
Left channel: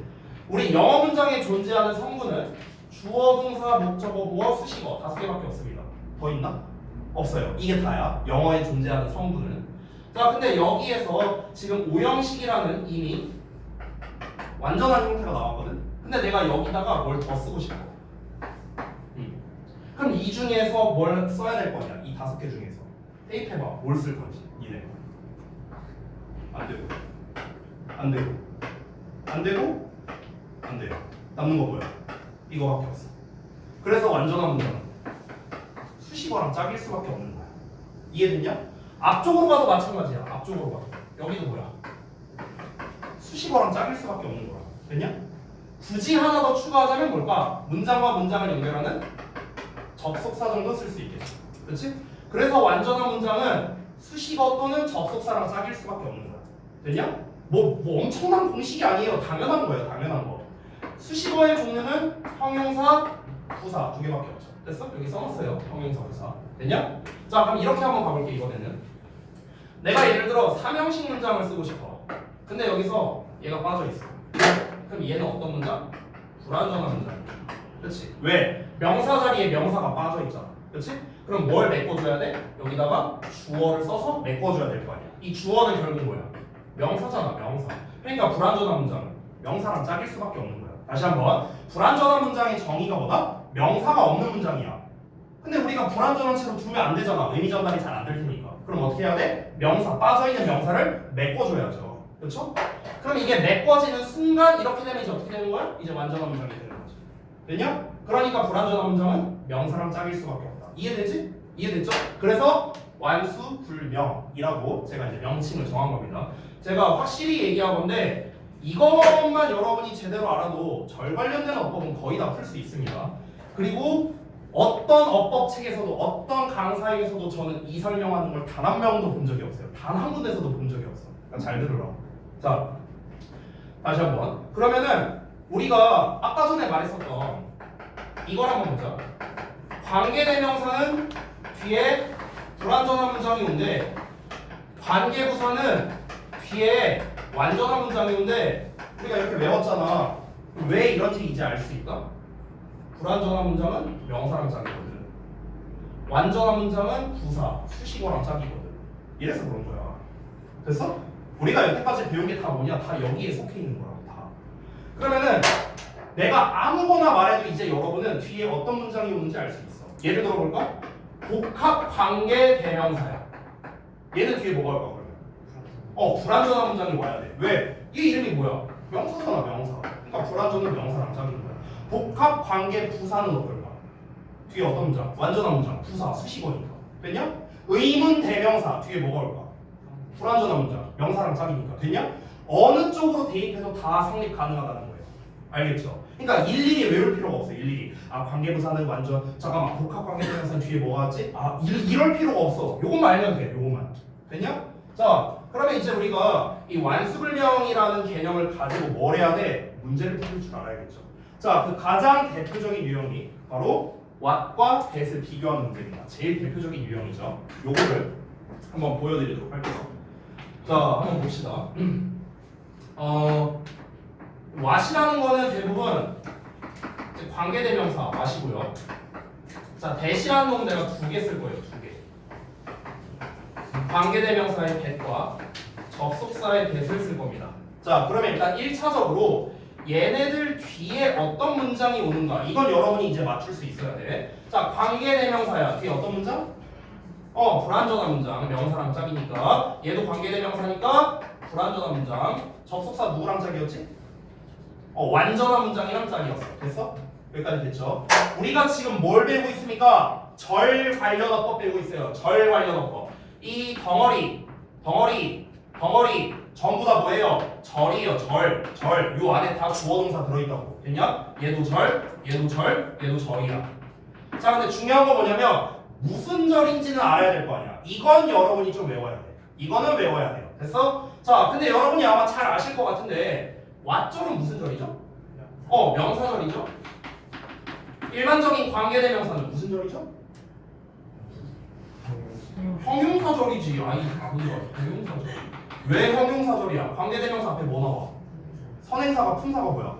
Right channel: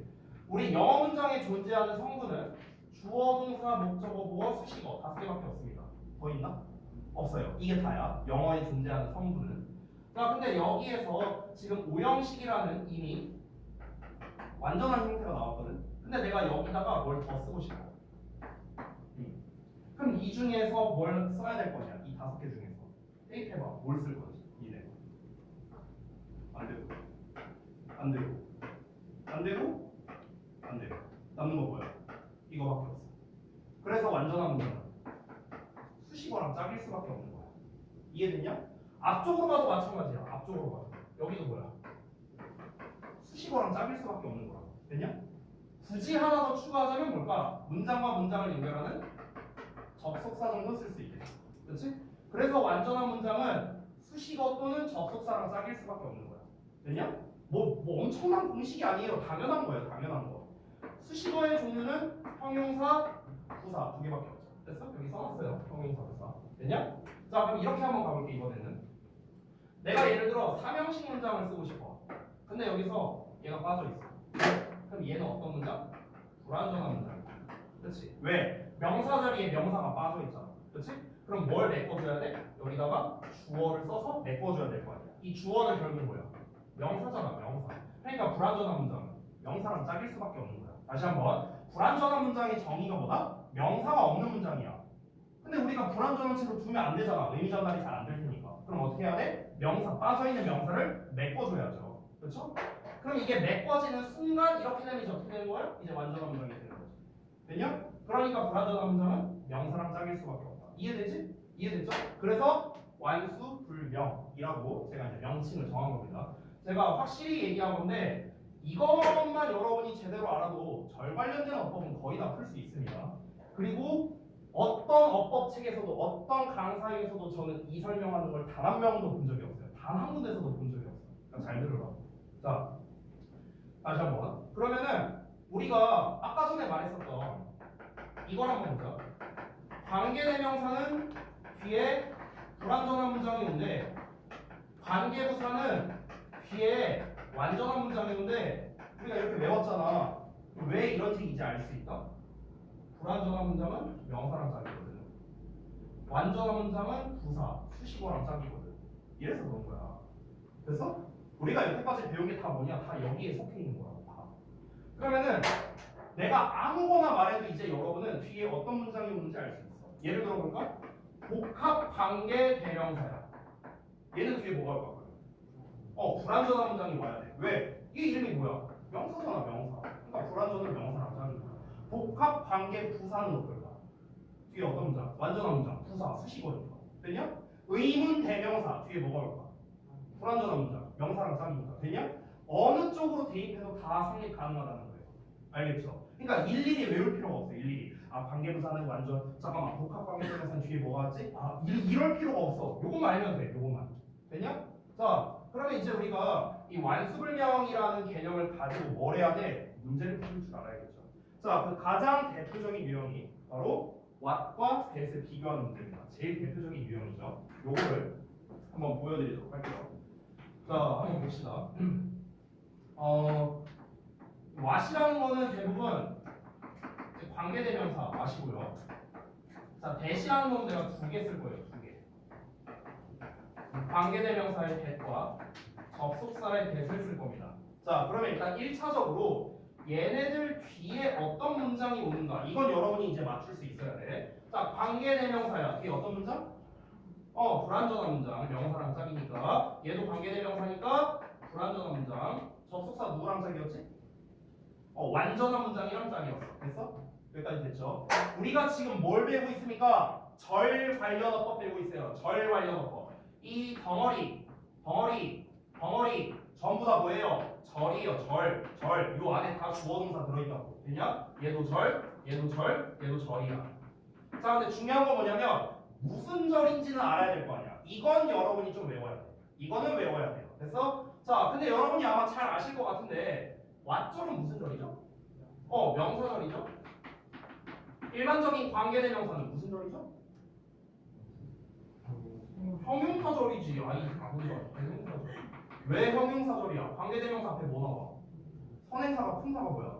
우리 영어 문장에 존재하는 성분은 주어, 동사, 목적어, 보어, 수식어 5개밖에 없습니다. 더 있나? 없어요. 이게 다야. 영어에 존재하는 성분은. 자, 근데 여기에서 지금 5형식이라는 이미 완전한 형태가 나왔거든. 근데 내가 여기다가 뭘 더 쓰고 싶어. 그럼 이 중에서 뭘 써야 될 거냐? 이 5개 중에서 대입해봐. 뭘 쓸 건지. 이래. 안 되고, 안 되고, 안 되고, 안 돼요. 남는 거 뭐야? 이거밖에 없어. 그래서 완전한 문장은 수식어랑 짝일 수밖에 없는 거야. 이해됐냐? 앞쪽으로 가도 마찬가지야. 앞쪽으로 가도. 여기도 뭐야? 수식어랑 짝일 수밖에 없는 거야. 됐냐? 굳이 하나 더 추가하자면 뭘까? 문장과 문장을 연결하는 접속사 정도 쓸 수 있겠지. 그렇지? 그래서 완전한 문장은 수식어 또는 접속사랑 짝일 수밖에 없는 거야. 됐냐? 뭐 엄청난 공식이 아니에요. 당연한 거예요. 당연한 거. 수식어의 종류는 형용사, 부사 2개밖에 없죠. 됐어? 여기 써놨어요. 형용사, 부사. 됐냐? 자, 그럼 이렇게 한번 가볼게. 이번에는 내가 예를 들어 3형식 문장을 쓰고 싶어. 근데 여기서 얘가 빠져있어. 그럼 얘는 어떤 문장? 불완전한 문장. 그렇지? 왜? 명사 자리에 명사가 빠져있잖아. 그렇지? 그럼 뭘 메꿔줘야 돼? 여기다가 주어를 써서 메꿔줘야 될 거 아니야. 이 주어는 결국 뭐야? 명사잖아. 명사. 그러니까 불완전한 문장은 명사랑 짝일 수밖에 없는 거야. 다시 한번 불완전한 문장의 정의가 뭐다? 명사가 없는 문장이야. 근데 우리가 불완전한 채로 두면 안 되잖아. 의미 전달이 잘 안 될 테니까. 그럼 어떻게 해야 돼? 명사, 빠져있는 명사를 메꿔줘야죠. 그렇죠? 그럼 이게 메꿔지는 순간 이렇게 되면 이제 어떻게 되는 거야? 이제 완전한 문장이 되는 거지. 됐냐? 그러니까 불완전한 문장은 명사랑 짝일 수밖에 없다. 이해되지? 이해됐죠? 그래서 완수불명이라고 제가 이제 명칭을 정한 겁니다. 제가 확실히 얘기한 건데 이것만 여러분이 제대로 알아도 절 관련된 어법은 거의 다 풀 수 있습니다. 그리고 어떤 어법 책에서도 어떤 강사에게서도 저는 이 설명하는 걸 단 한 명도 본 적이 없어요. 단 한 군데서도 본 적이 없어. 그러니까 잘 들으라. 자, 다시 한번. 그러면은 우리가 아까 전에 말했었던 이걸 한번 보자. 관계대명사는 뒤에 불완전한 문장이 온대. 관계부사는 뒤에 완전한 문장이 온대. 우리가 이렇게 외웠잖아. 왜 이런지 이제 알 수 있다? 불완전한 문장은 명사랑 짝이거든. 완전한 문장은 부사, 수식어랑 짝이거든. 이래서 그런 거야. 됐어? 우리가 여태까지 배운 게 다 뭐냐? 다 여기에 속해 있는 거라고 다. 그러면은 내가 아무거나 말해도 이제 여러분은 뒤에 어떤 문장이 오는지 알 수 있어. 예를 들어 볼까? 복합 관계 대명사야. 얘는 뒤에 뭐가 올까 그러면? 불완전한 문장이 와야 돼. 왜? 이 이름이 뭐야? 명사잖아, 명사. 그러니까 불완전은 명사랑 짝인 거야. 복합 관계 부사는 어떨까? 뒤에 어떤 문장? 완전한 문장, 부사, 수식어니까. 됐냐? 의문 대명사 뒤에 뭐가 올까? 불완전한 문장, 명사랑 짝이니까. 됐냐? 어느 쪽으로 대입해도 다 성립 가능하다는 거예요. 알겠죠? 그러니까 일일이 외울 필요가 없어. 일일이 관계부사는 완전 잠깐만 복합 관계대명사는 뒤에 뭐가 왔지? 이럴 필요가 없어. 요것만 알면 돼. 요것만. 됐냐? 자, 그러면 이제 우리가 이 완수불명이라는 개념을 가지고 뭘 해야 돼? 문제를 풀 줄 알아야겠죠. 자, 그 가장 대표적인 유형이 바로 what과 that을 비교하는 문제입니다. 제일 대표적인 유형이죠. 요거를 한번 보여드리도록 할게요. 자, 한번 봅시다. what이라는 거는 대부분 이제 관계대명사 what이고요. 자, that이라는 건 내가 두 개 쓸 거예요. 두 개. 관계대명사의 that과 접속사의 that을 쓸 겁니다. 자, 그러면 일단 1차적으로 얘네들 뒤에 어떤 문장이 오는가 이건 여러분이 이제 맞출 수 있어야 돼. 자, 관계대명사야. 뒤에 어떤 문장? 불완전한 문장. 명사랑 짝이니까 얘도 관계대명사니까 불완전한 문장. 접속사 누구랑 짝이었지? 완전한 문장이랑 짝이었어. 됐어? 여기까지 됐죠? 우리가 지금 뭘 배우고 있습니까? 절 관련어법 배우고 있어요. 절 관련어법. 이 덩어리 전부 다 뭐예요? 절이에요. 절. 요 안에 다 주어동사 들어있다고. 됐냐? 얘도 절, 얘도 절이야. 자, 근데 중요한 거 뭐냐면 무슨 절인지는 알아야 될 거 아니야. 이건 여러분이 좀 외워야 돼. 이거는 외워야 돼요. 됐어? 자, 근데 여러분이 아마 잘 아실 것 같은데 왓절은 무슨 절이죠? 명사절이죠. 일반적인 관계대명사는 무슨 절이죠? 형용사절이지. 형용사절. 왜 형용사절이야? 관계대명사 앞에 뭐 나와? 선행사가 품사가 뭐야?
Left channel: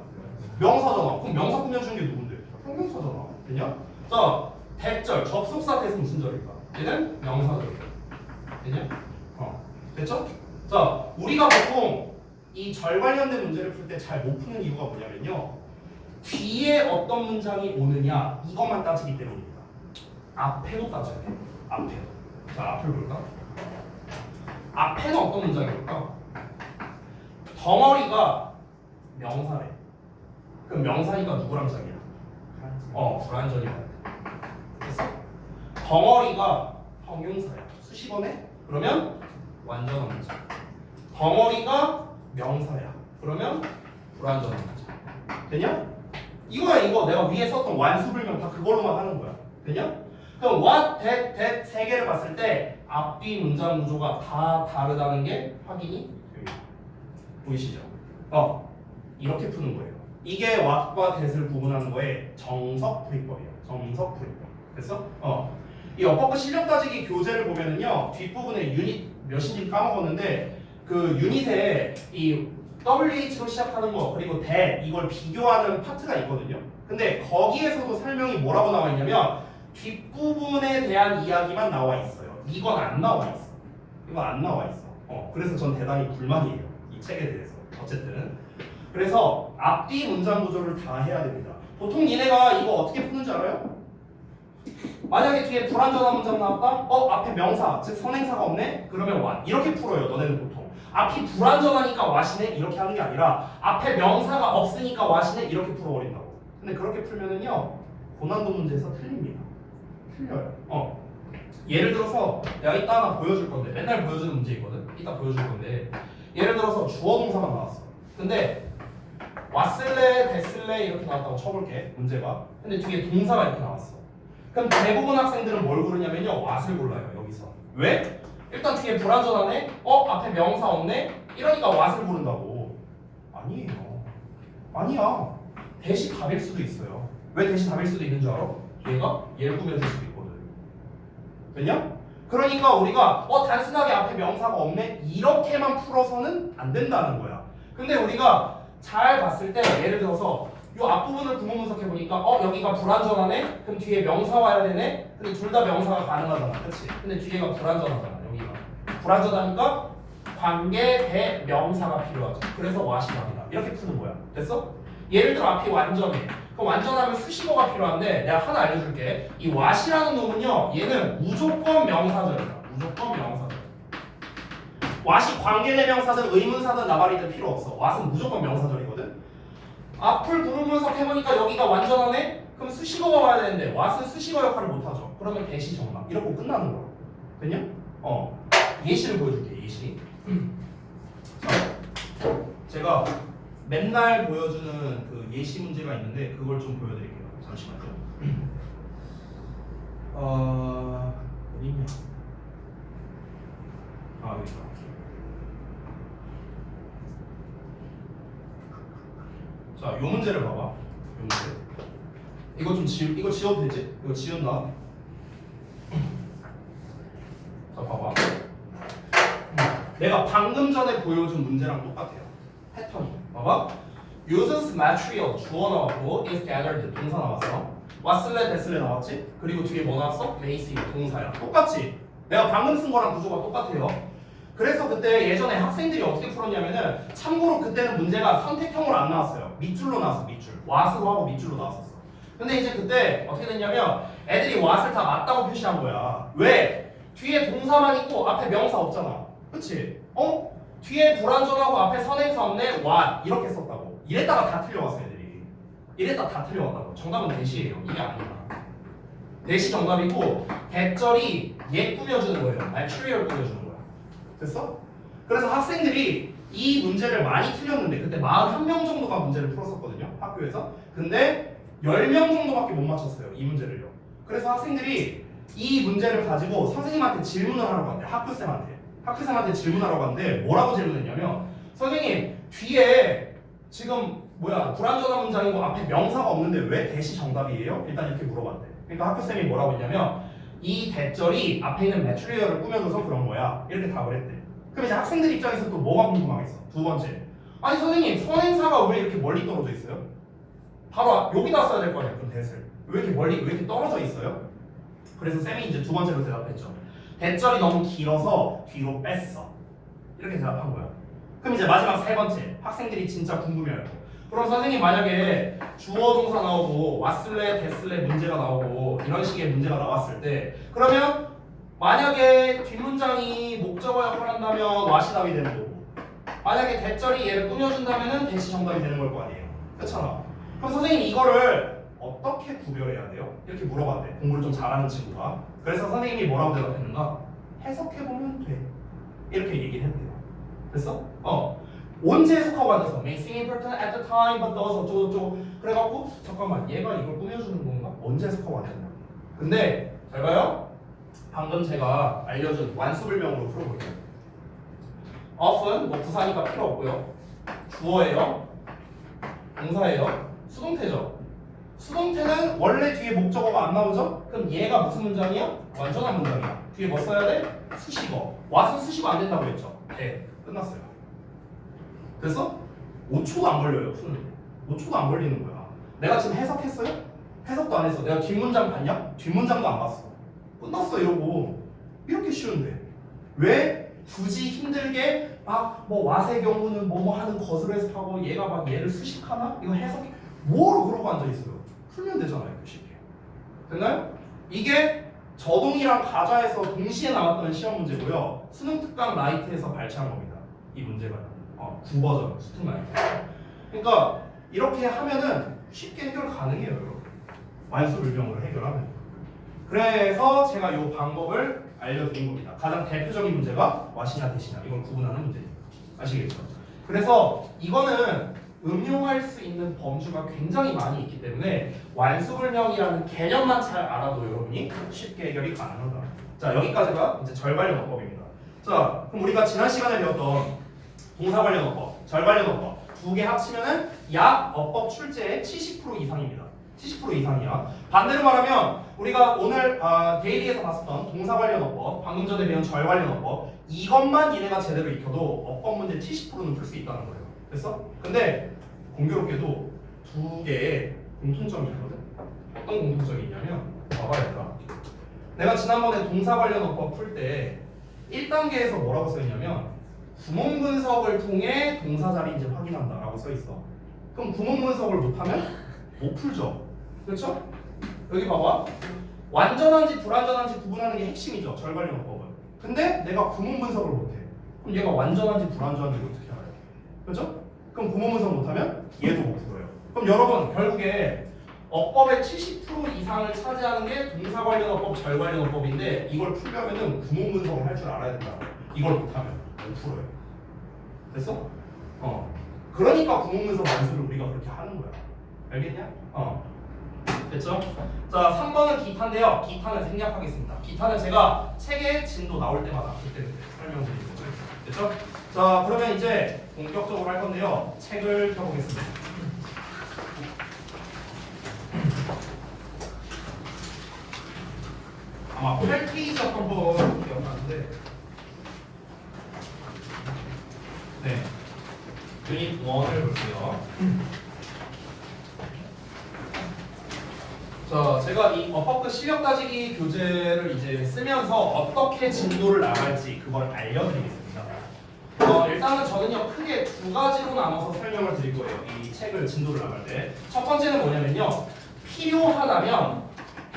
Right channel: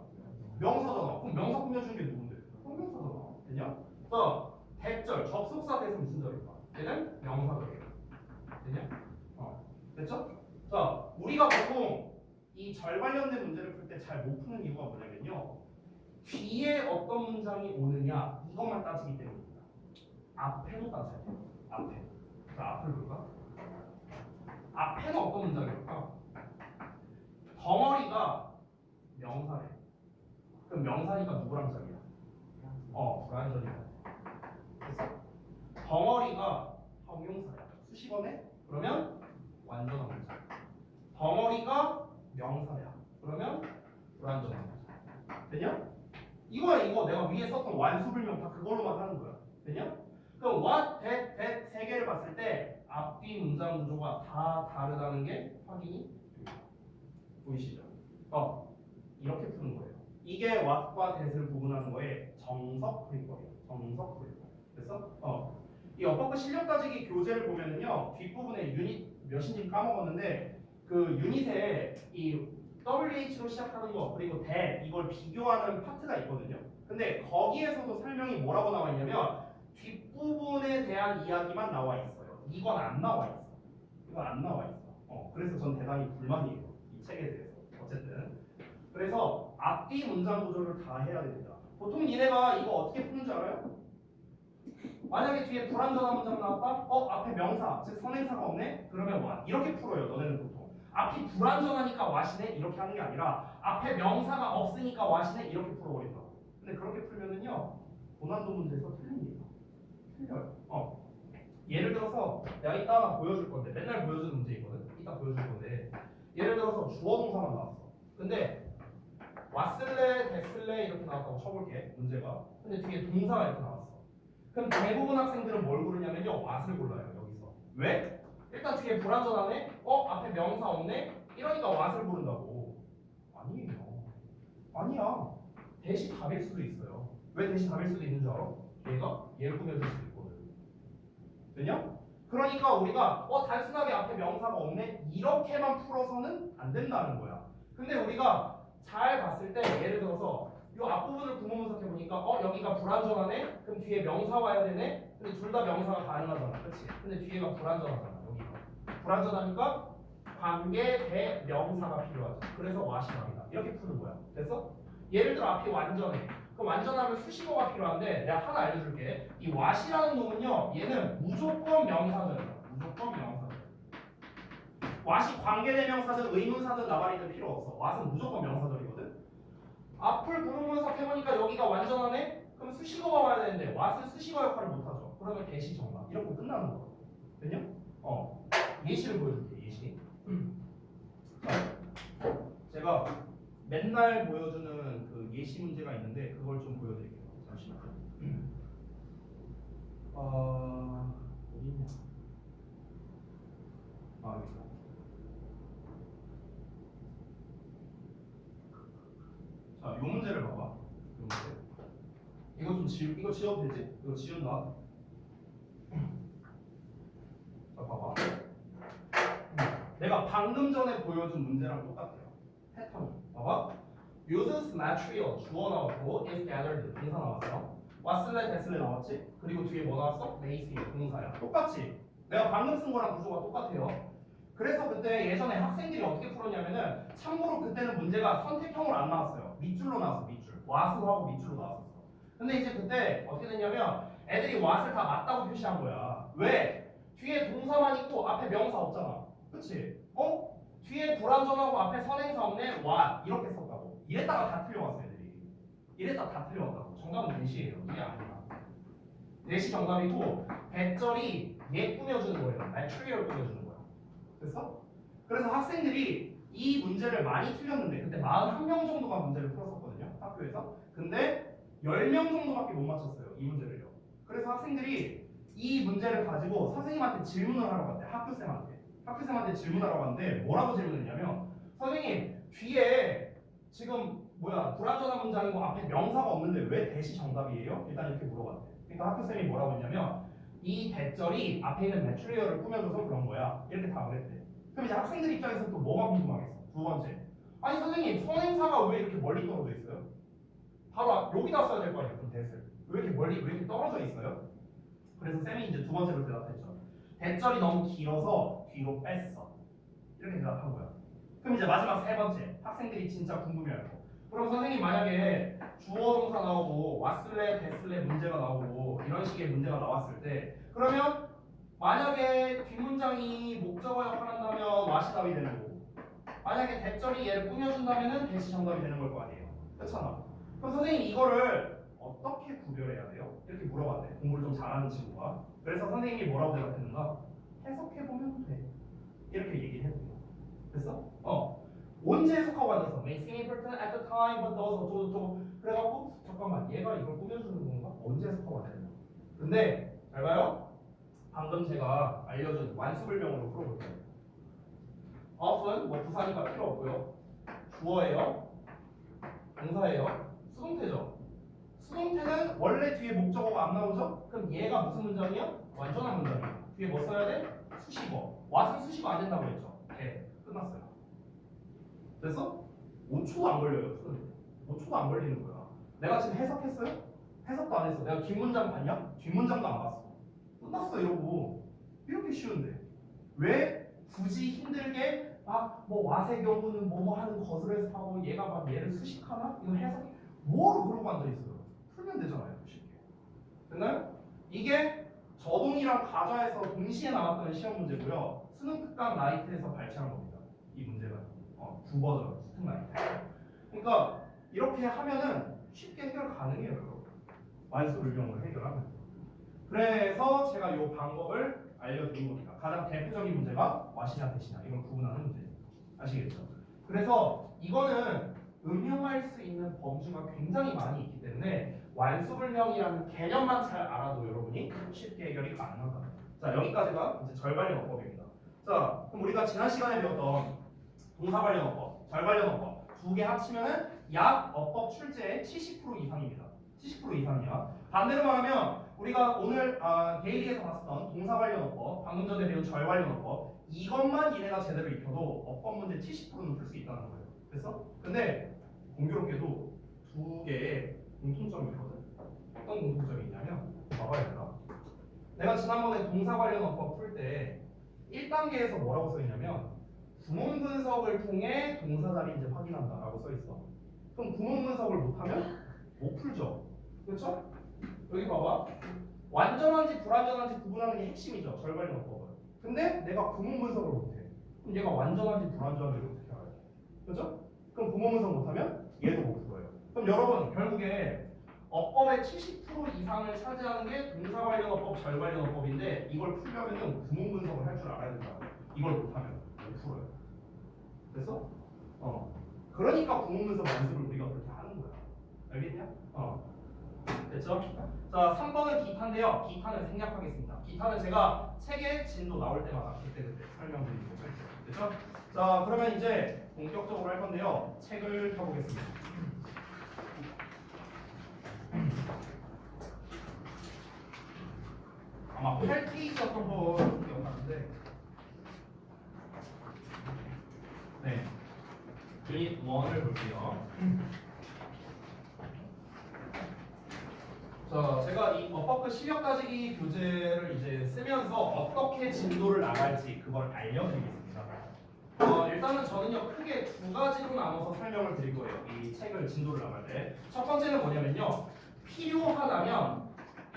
명사잖아. 그럼 명사 꾸며준 게 누군데? 형용사잖아. 됐냐? 자, 대절, 접속사 대신 무슨 절일까? 얘는 명사절이야. 됐냐? 됐죠? 자, 우리가 보통 이 절 관련된 문제를 풀 때 잘 못 푸는 이유가 뭐냐면요. 뒤에 어떤 문장이 오느냐 이것만 따지기 때문입니다. 앞에도 따져야 돼. 앞에도. 자, 앞을 볼까? 앞에는 어떤 문장이 올까? 덩어리가 명사래. 그럼 명사니까 누구랑 짝이야? 불완전이야. 됐어? 덩어리가 형용사야. 수식어네? 그러면 완전한 문장. 덩어리가 명사야. 그러면 불완전한 문장. 되냐? 이거야 이거. 내가 위에 썼던 완수불명 다 그걸로만 하는 거야. 되냐? 그럼 what, that 세 개를 봤을 때 앞뒤 문장 구조가 다 다르다는 게 확인이 됩니다. 보이시죠? 이렇게 푸는 거예요. 이게 what과 that을 구분하는 거의 정석풀이법이에요. 정석풀이법. 됐어? 이 어법과 실력 따지기 교재를 보면은요 뒷부분에 유닛 몇인지 까먹었는데 그 유닛에 이 WH로 시작하는 거 그리고 that 이걸 비교하는 파트가 있거든요. 근데 거기에서도 설명이 뭐라고 나와 있냐면 뒷부분에 대한 이야기만 나와 있어요. 이건 안 나와 있어. 이건 안 나와 있어. 그래서 전 대단히 불만이에요. 이 책에 대해서. 어쨌든. 그래서 앞뒤 문장 구조를 다 해야 됩니다. 보통 얘네가 이거 어떻게 푸는 줄 알아요? 만약에 뒤에 불완전한 문장 나왔다? 앞에 명사, 즉 선행사가 없네? 그러면 what 이렇게 풀어요. 너네는 보통 앞이 불완전하니까 what이네? 이렇게 하는 게 아니라 앞에 명사가 없으니까 what이네? 이렇게 풀어버린다고. 근데 그렇게 풀면은요 고난도 문제에서 틀립니다. 틀려요. 예를 들어서 내가 이따 하나 보여줄 건데 맨날 보여주는 문제 있거든? 이따 보여줄 건데 예를 들어서 주어 동사만 나왔어. 근데 왔을래, 됐을래 이렇게 나왔다고 쳐볼게 문제가. 근데 뒤에 동사가 이렇게 나왔어. 그럼 대부분 학생들은 뭘 고르냐면요 what을 골라요 여기서. 왜? 일단 뒤에 불완전하네? 앞에 명사 없네? 이러니까 what을 고른다고. 아니에요. 아니야. 대시 답일 수도 있어요. 왜 대시 답일 수도 있는 줄 알아? 얘가 얘를 꾸며줄 수도 있거든. 됐냐? 그러니까 우리가 단순하게 앞에 명사가 없네? 이렇게만 풀어서는 안 된다는 거야. 근데 우리가 잘 봤을 때 예를 들어서 이 앞부분을 구문 분석해보니까 여기가 불완전하네? 그럼 뒤에 명사 와야 되네? 근데 둘 다 명사가 가능하잖아. 그치? 근데 뒤에가 불완전하잖아. 여기가 불완전하니까 관계 대명사가 필요하죠. 그래서 what이 답이다. 이렇게 푸는 거야. 됐어? 예를 들어 앞이 완전해. 그럼 완전하면 수식어가 필요한데 내가 하나 알려줄게. 이 what이라는 놈은요 얘는 무조건 명사절이다. 무조건 명사절. what이 관계대명사든 의문사든 나발이든 필요 없어. what은 무조건 명사절이거든. 앞을 구문 분석해보니까 여기가 완전하네? 그럼 수식어가 와야 되는데 what은 수식어 역할을 못하죠. 그러면 대시 정답. 이렇게 끝나는 거야. 됐냐? 예시를 보여줄게. 예시. 자, 제가 맨날 보여주는 그 예시 문제가 있는데 그걸 좀 보여드릴게요. 잠시만요. 어디 있냐? 여기 있다. 자, 요 문제를 봐봐. 요 문제. 이거 좀 이거 지워도 되지? 이거 지웠나? 자, 봐봐. 내가 방금 전에 보여준 문제랑 똑같아요. 패턴이. 봐봐. uses material 주어 나왔고 is gathered 동사 나왔어. 왔을래 됐을래 나왔지? 그리고 뒤에 뭐 나왔어? may see 동사야. 똑같지? 내가 방금 쓴 거랑 구조가 똑같아요. 그래서 그때 예전에 학생들이 어떻게 풀었냐면은 참고로 그때는 문제가 선택형으로 안 나왔어요. 밑줄로 나왔어. 밑줄. what으로 하고 밑줄로 나왔었어. 근데 이제 그때 어떻게 됐냐면 애들이 what을 다 맞다고 표시한 거야. 왜? 뒤에 동사만 있고 앞에 명사 없잖아. 그치? 뒤에 불완전하고 앞에 선행사 없네? what 이렇게 썼다고. 이랬다가 다 틀려왔어 애들이. 이랬다가 다 틀려왔다고. 정답은 대시예요. 이게 아니야. 대시 정답이고 대절이 얘 꾸며주는 거예요. material 꾸며주는 거야. 됐어? 그래서 학생들이 이 문제를 많이 틀렸는데 그때 41명 정도가 문제를 풀었었거든요. 학교에서. 근데 10명 정도밖에 못 맞췄어요. 이 문제를요. 그래서 학생들이 이 문제를 가지고 선생님한테 질문을 하라고 한대. 학교쌤한테 질문하라고 하는데 뭐라고 질문했냐면 선생님 뒤에 지금 불완전한 문장이고 앞에 명사가 없는데 왜 대시 정답이에요? 일단 이렇게 물어봤대. 그러니까 학교쌤이 뭐라고 했냐면 이 대절이 앞에 있는 매트리얼을 꾸며줘서 그런 거야. 이렇게 답을 했대. 그럼 이제 학생들 입장에서 또 뭐가 궁금하겠어? 두 번째. 아니 선생님 선행사가 왜 이렇게 멀리 떨어져 있어요? 바로 여기다 써야 될 거 아니야. 그럼 대를 왜 이렇게 멀리 왜 이렇게 떨어져 있어요? 그래서 쌤이 이제 두 번째로 대답했죠. 대절이 너무 길어서 뒤로 뺐어. 이렇게 대답한 거야. 그럼 이제 마지막 세 번째. 학생들이 진짜 궁금해할 거. 그럼 선생님 만약에 주어 동사 나오고 왔을래 됐을래 문제가 나오고 이런 식의 문제가 나왔을 때 그러면 만약에 뒷문장이 목적어 역할을 한다면 what이 답이 되는 거고 만약에 대절이 얘를 꾸며준다면 대시 정답이 되는 걸 거 아니에요. 그렇잖아. 그럼 선생님 이거를 어떻게 구별해야 돼요? 이렇게 물어봤대. 공부를 좀 잘하는 친구가. 그래서 선생님이 뭐라고 대답했는가? 해석해보면 돼. 이렇게 얘기를 했대요. 됐어? 언제 해석하고 앉았어? May seem important at the time, but those 어쩌고저쩌고. 그래갖고 잠깐만 얘가 이걸 꾸며주는 건가? 언제 해석하고 앉았냐? 근데 잘 봐요. 방금 제가 알려준 완수불명으로 풀어볼게요. often 뭐 부사니까 필요 없고요. 주어예요. 동사예요. 수동태죠. 수동태는 원래 뒤에 목적어가 안 나오죠? 그럼 얘가 무슨 문장이야? 완전한 문장이야. 뒤에 뭐 써야 돼? 수식어. what은 수식어 안 된다고 했죠? 네. 끝났어요. 됐어? 5초도 안 걸려요. 푸는데. 5초도 안 걸리는 거야. 내가 지금 해석했어요? 해석도 안 했어. 내가 뒷문장 봤냐? 뒷문장도 안 봤어. 끝났어 이러고. 이렇게 쉬운데 왜 굳이 힘들게 뭐 왓의 경우는 뭐뭐 하는 것으로 해석하고 얘가 막 얘를 수식하나? 이거 해석이 뭐로 그러고 앉아있어요? 풀면 되잖아요. 쉽게. 됐나요? 이게 저동이랑 가자에서 동시에 나왔던 시험 문제고요. 수능 특강 라이트에서 발췌한 겁니다. 이 문제가 9버전 수특 라이트. 그러니까 이렇게 하면은 쉽게 해결 가능해요. 여러분. 완수불명으로 해결하면. 그래서 제가 이 방법을 알려드린 겁니다. 가장 대표적인 문제가 와시냐 대시냐 이걸 구분하는 문제입니다. 아시겠죠? 그래서 이거는 응용할 수 있는 범주가 굉장히 많이 있기 때문에 완수불명이라는 개념만 잘 알아도 여러분이 쉽게 해결이 가능하다. 자, 여기까지가 이제 절관련어법입니다. 자, 그럼 우리가 지난 시간에 배웠던 동사관련어법, 절관련어법 두 개 합치면은 약 어법 출제의 70% 이상입니다. 70% 이상이야. 반대로 말하면 우리가 오늘 데일리에서 봤었던 동사관련어법, 방금 전에 배운 절관련어법 이것만 얘네가 제대로 익혀도 어법 문제 70%는 풀 수 있다는 거예요. 됐어? 근데 공교롭게도 두 개의 공통점이 있거든. 어떤 공통점이 있냐면 봐봐야겠다. 내가 지난번에 동사관련어법 풀 때 1단계에서 뭐라고 써있냐면 구문 분석을 통해 동사 자리인지 확인한다라고 써있어. 그럼 구문 분석을 못하면 못 풀죠. 그렇죠? 여기 봐봐. 완전한지 불완전한지 구분하는 게 핵심이죠. 절관련어법은. 근데 내가 구문 분석을 못해. 그럼 얘가 완전한지 불완전한지 어떻게 알아요? 그렇죠? 그럼 구문 분석 못하면 얘도 못 풀어요. 그럼 여러분 결국에 어법의 70% 이상을 차지하는 게 동사관련어법, 절관련어법인데 이걸 풀려면은 구문 분석을 할 줄 알아야 된다. 이걸 못하면 못 풀어요. 됐어? 그러니까 구문 분석 완수를 우리가 그렇게 하는 거야. 알겠냐? 됐죠? 자, 3번은 기타인데요. 기타는 생략하겠습니다. 기타는 제가 책의 진도 나올 때마다 그때 설명드리도록 하겠습니다. 됐죠? 자, 그러면 이제 본격적으로 할 건데요. 책을 펴보겠습니다. 아마 8페이지였던 거 기억하는데 네, 유닛 1을 볼게요. 자, 제가 이 어법급 실력 따지기 교재를 이제 쓰면서 어떻게 진도를 나갈지 그걸 알려드리겠습니다. 일단은 저는요 크게 두 가지로 나눠서 설명을 드릴 거예요. 이 책을 진도를 나갈 때. 첫 번째는 뭐냐면요. 필요하다면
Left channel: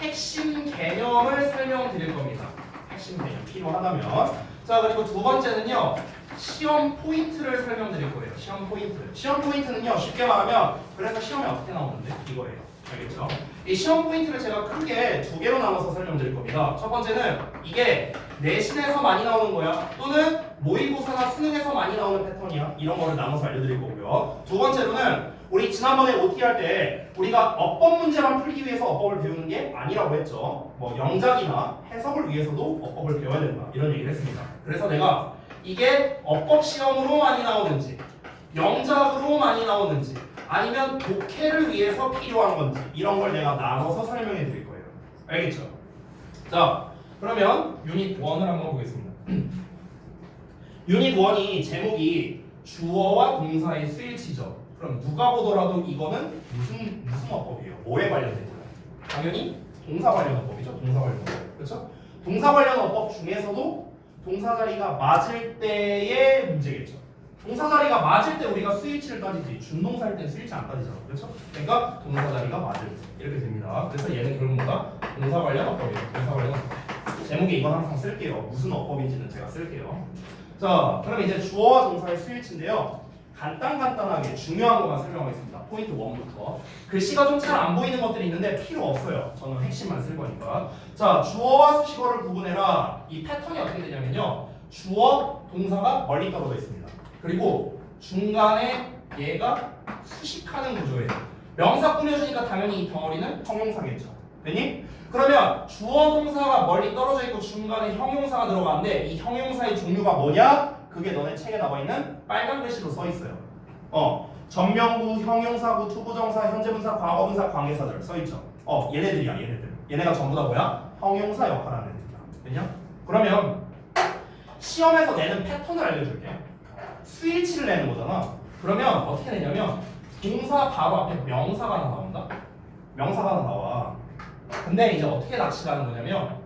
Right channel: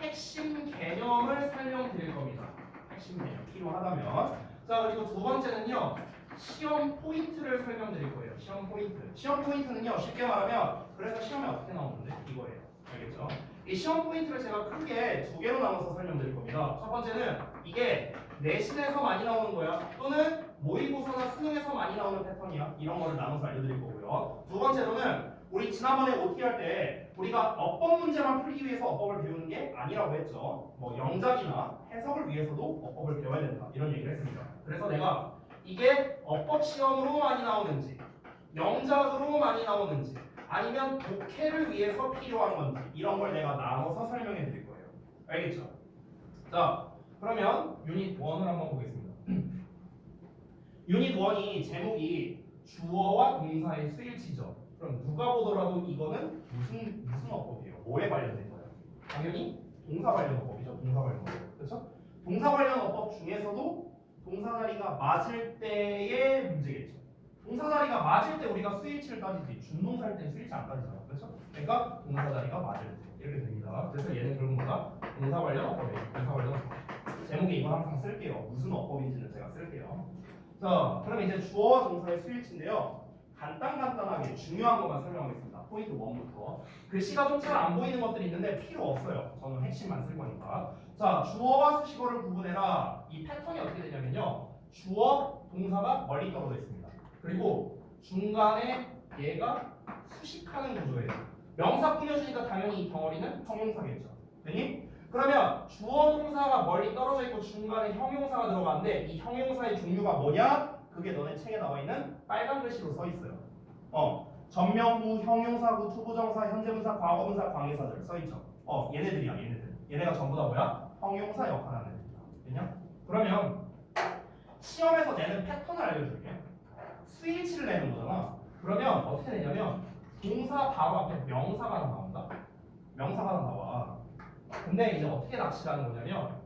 핵심 개념을 설명드릴 겁니다. 핵심 개념 필요하다면. 자, 그리고 두 번째는요. 시험 포인트를 설명드릴 거예요. 시험 포인트. 시험 포인트는요 쉽게 말하면 그래서 시험에 어떻게 나오는데 이거예요. 알겠죠? 이 시험 포인트를 제가 크게 두 개로 나눠서 설명드릴 겁니다. 첫 번째는 이게 내신에서 많이 나오는 거야. 또는 모의고사나 수능에서 많이 나오는 패턴이야. 이런 거를 나눠서 알려드릴 거고요. 두 번째로는 우리 지난번에 OT 할 때 우리가 어법 문제만 풀기 위해서 어법을 배우는 게 아니라고 했죠. 뭐 영작이나 해석을 위해서도 어법을 배워야 된다. 이런 얘기를 했습니다. 그래서 내가 이게 어법 시험으로 많이 나오는지 영작으로 많이 나오는지 아니면 독해를 위해서 필요한 건지 이런 걸 내가 나눠서 설명해 드릴 거예요. 알겠죠? 자, 그러면 유닛 1을 한번 보겠습니다. 유닛 1이 제목이 주어와 동사의 수일치죠. 그럼 누가 보더라도 이거는 무슨 어법이에요? 뭐에 관련된 거예요? 당연히 동사 관련 어법이죠. 동사 관련 어법. 그렇죠? 동사 관련 어법 중에서도 동사 자리가 맞을 때의 문제겠죠. 동사 자리가 맞을 때 우리가 수일치를 따지지 준동사일 땐 수일치 안 따지잖아. 그렇죠? 그러니까 동사 자리가 맞을 때 이렇게 됩니다. 그래서 얘는 결국 뭐다? 동사 관련 어법이에요. 동사 관련 어법. 제목에 이건 항상 쓸게요. 무슨 어법인지는 제가 쓸게요. 자, 그럼 이제 주어와 동사의 수일치인데요. 간단하게 중요한 것만 설명하겠습니다. 포인트 1부터. 글씨가 좀 잘 안 보이는 것들이 있는데 필요 없어요. 저는 핵심만 쓸 거니까. 자, 주어와 수식어를 구분해라. 이 패턴이 어떻게 되냐면요. 주어, 동사가 멀리 떨어져 있습니다. 그리고 중간에 얘가 수식하는 구조예요. 명사 꾸며주니까 당연히 이 덩어리는 형용사겠죠. 됐니? 그러면 주어 동사가 멀리 떨어져 있고 중간에 형용사가 들어가는데 이 형용사의 종류가 뭐냐? 그게 너네 책에 나와 있는 빨간 글씨로 써 있어요. 전명구, 형용사구, 투부정사, 현재분사, 과거분사, 관계사들 써 있죠. 얘네들이야, 얘네들. 얘네가 전부 다 뭐야? 형용사 역할을 하는 애들이야. 됐냐? 그러면 시험에서 내는 패턴을 알려줄게. 수일치를 내는 거잖아. 그러면 어떻게 내냐면 동사 바로 앞에 명사가 하나 나온다. 명사가 하나 나와. 근데 이제 어떻게 낚시를 하는 거냐면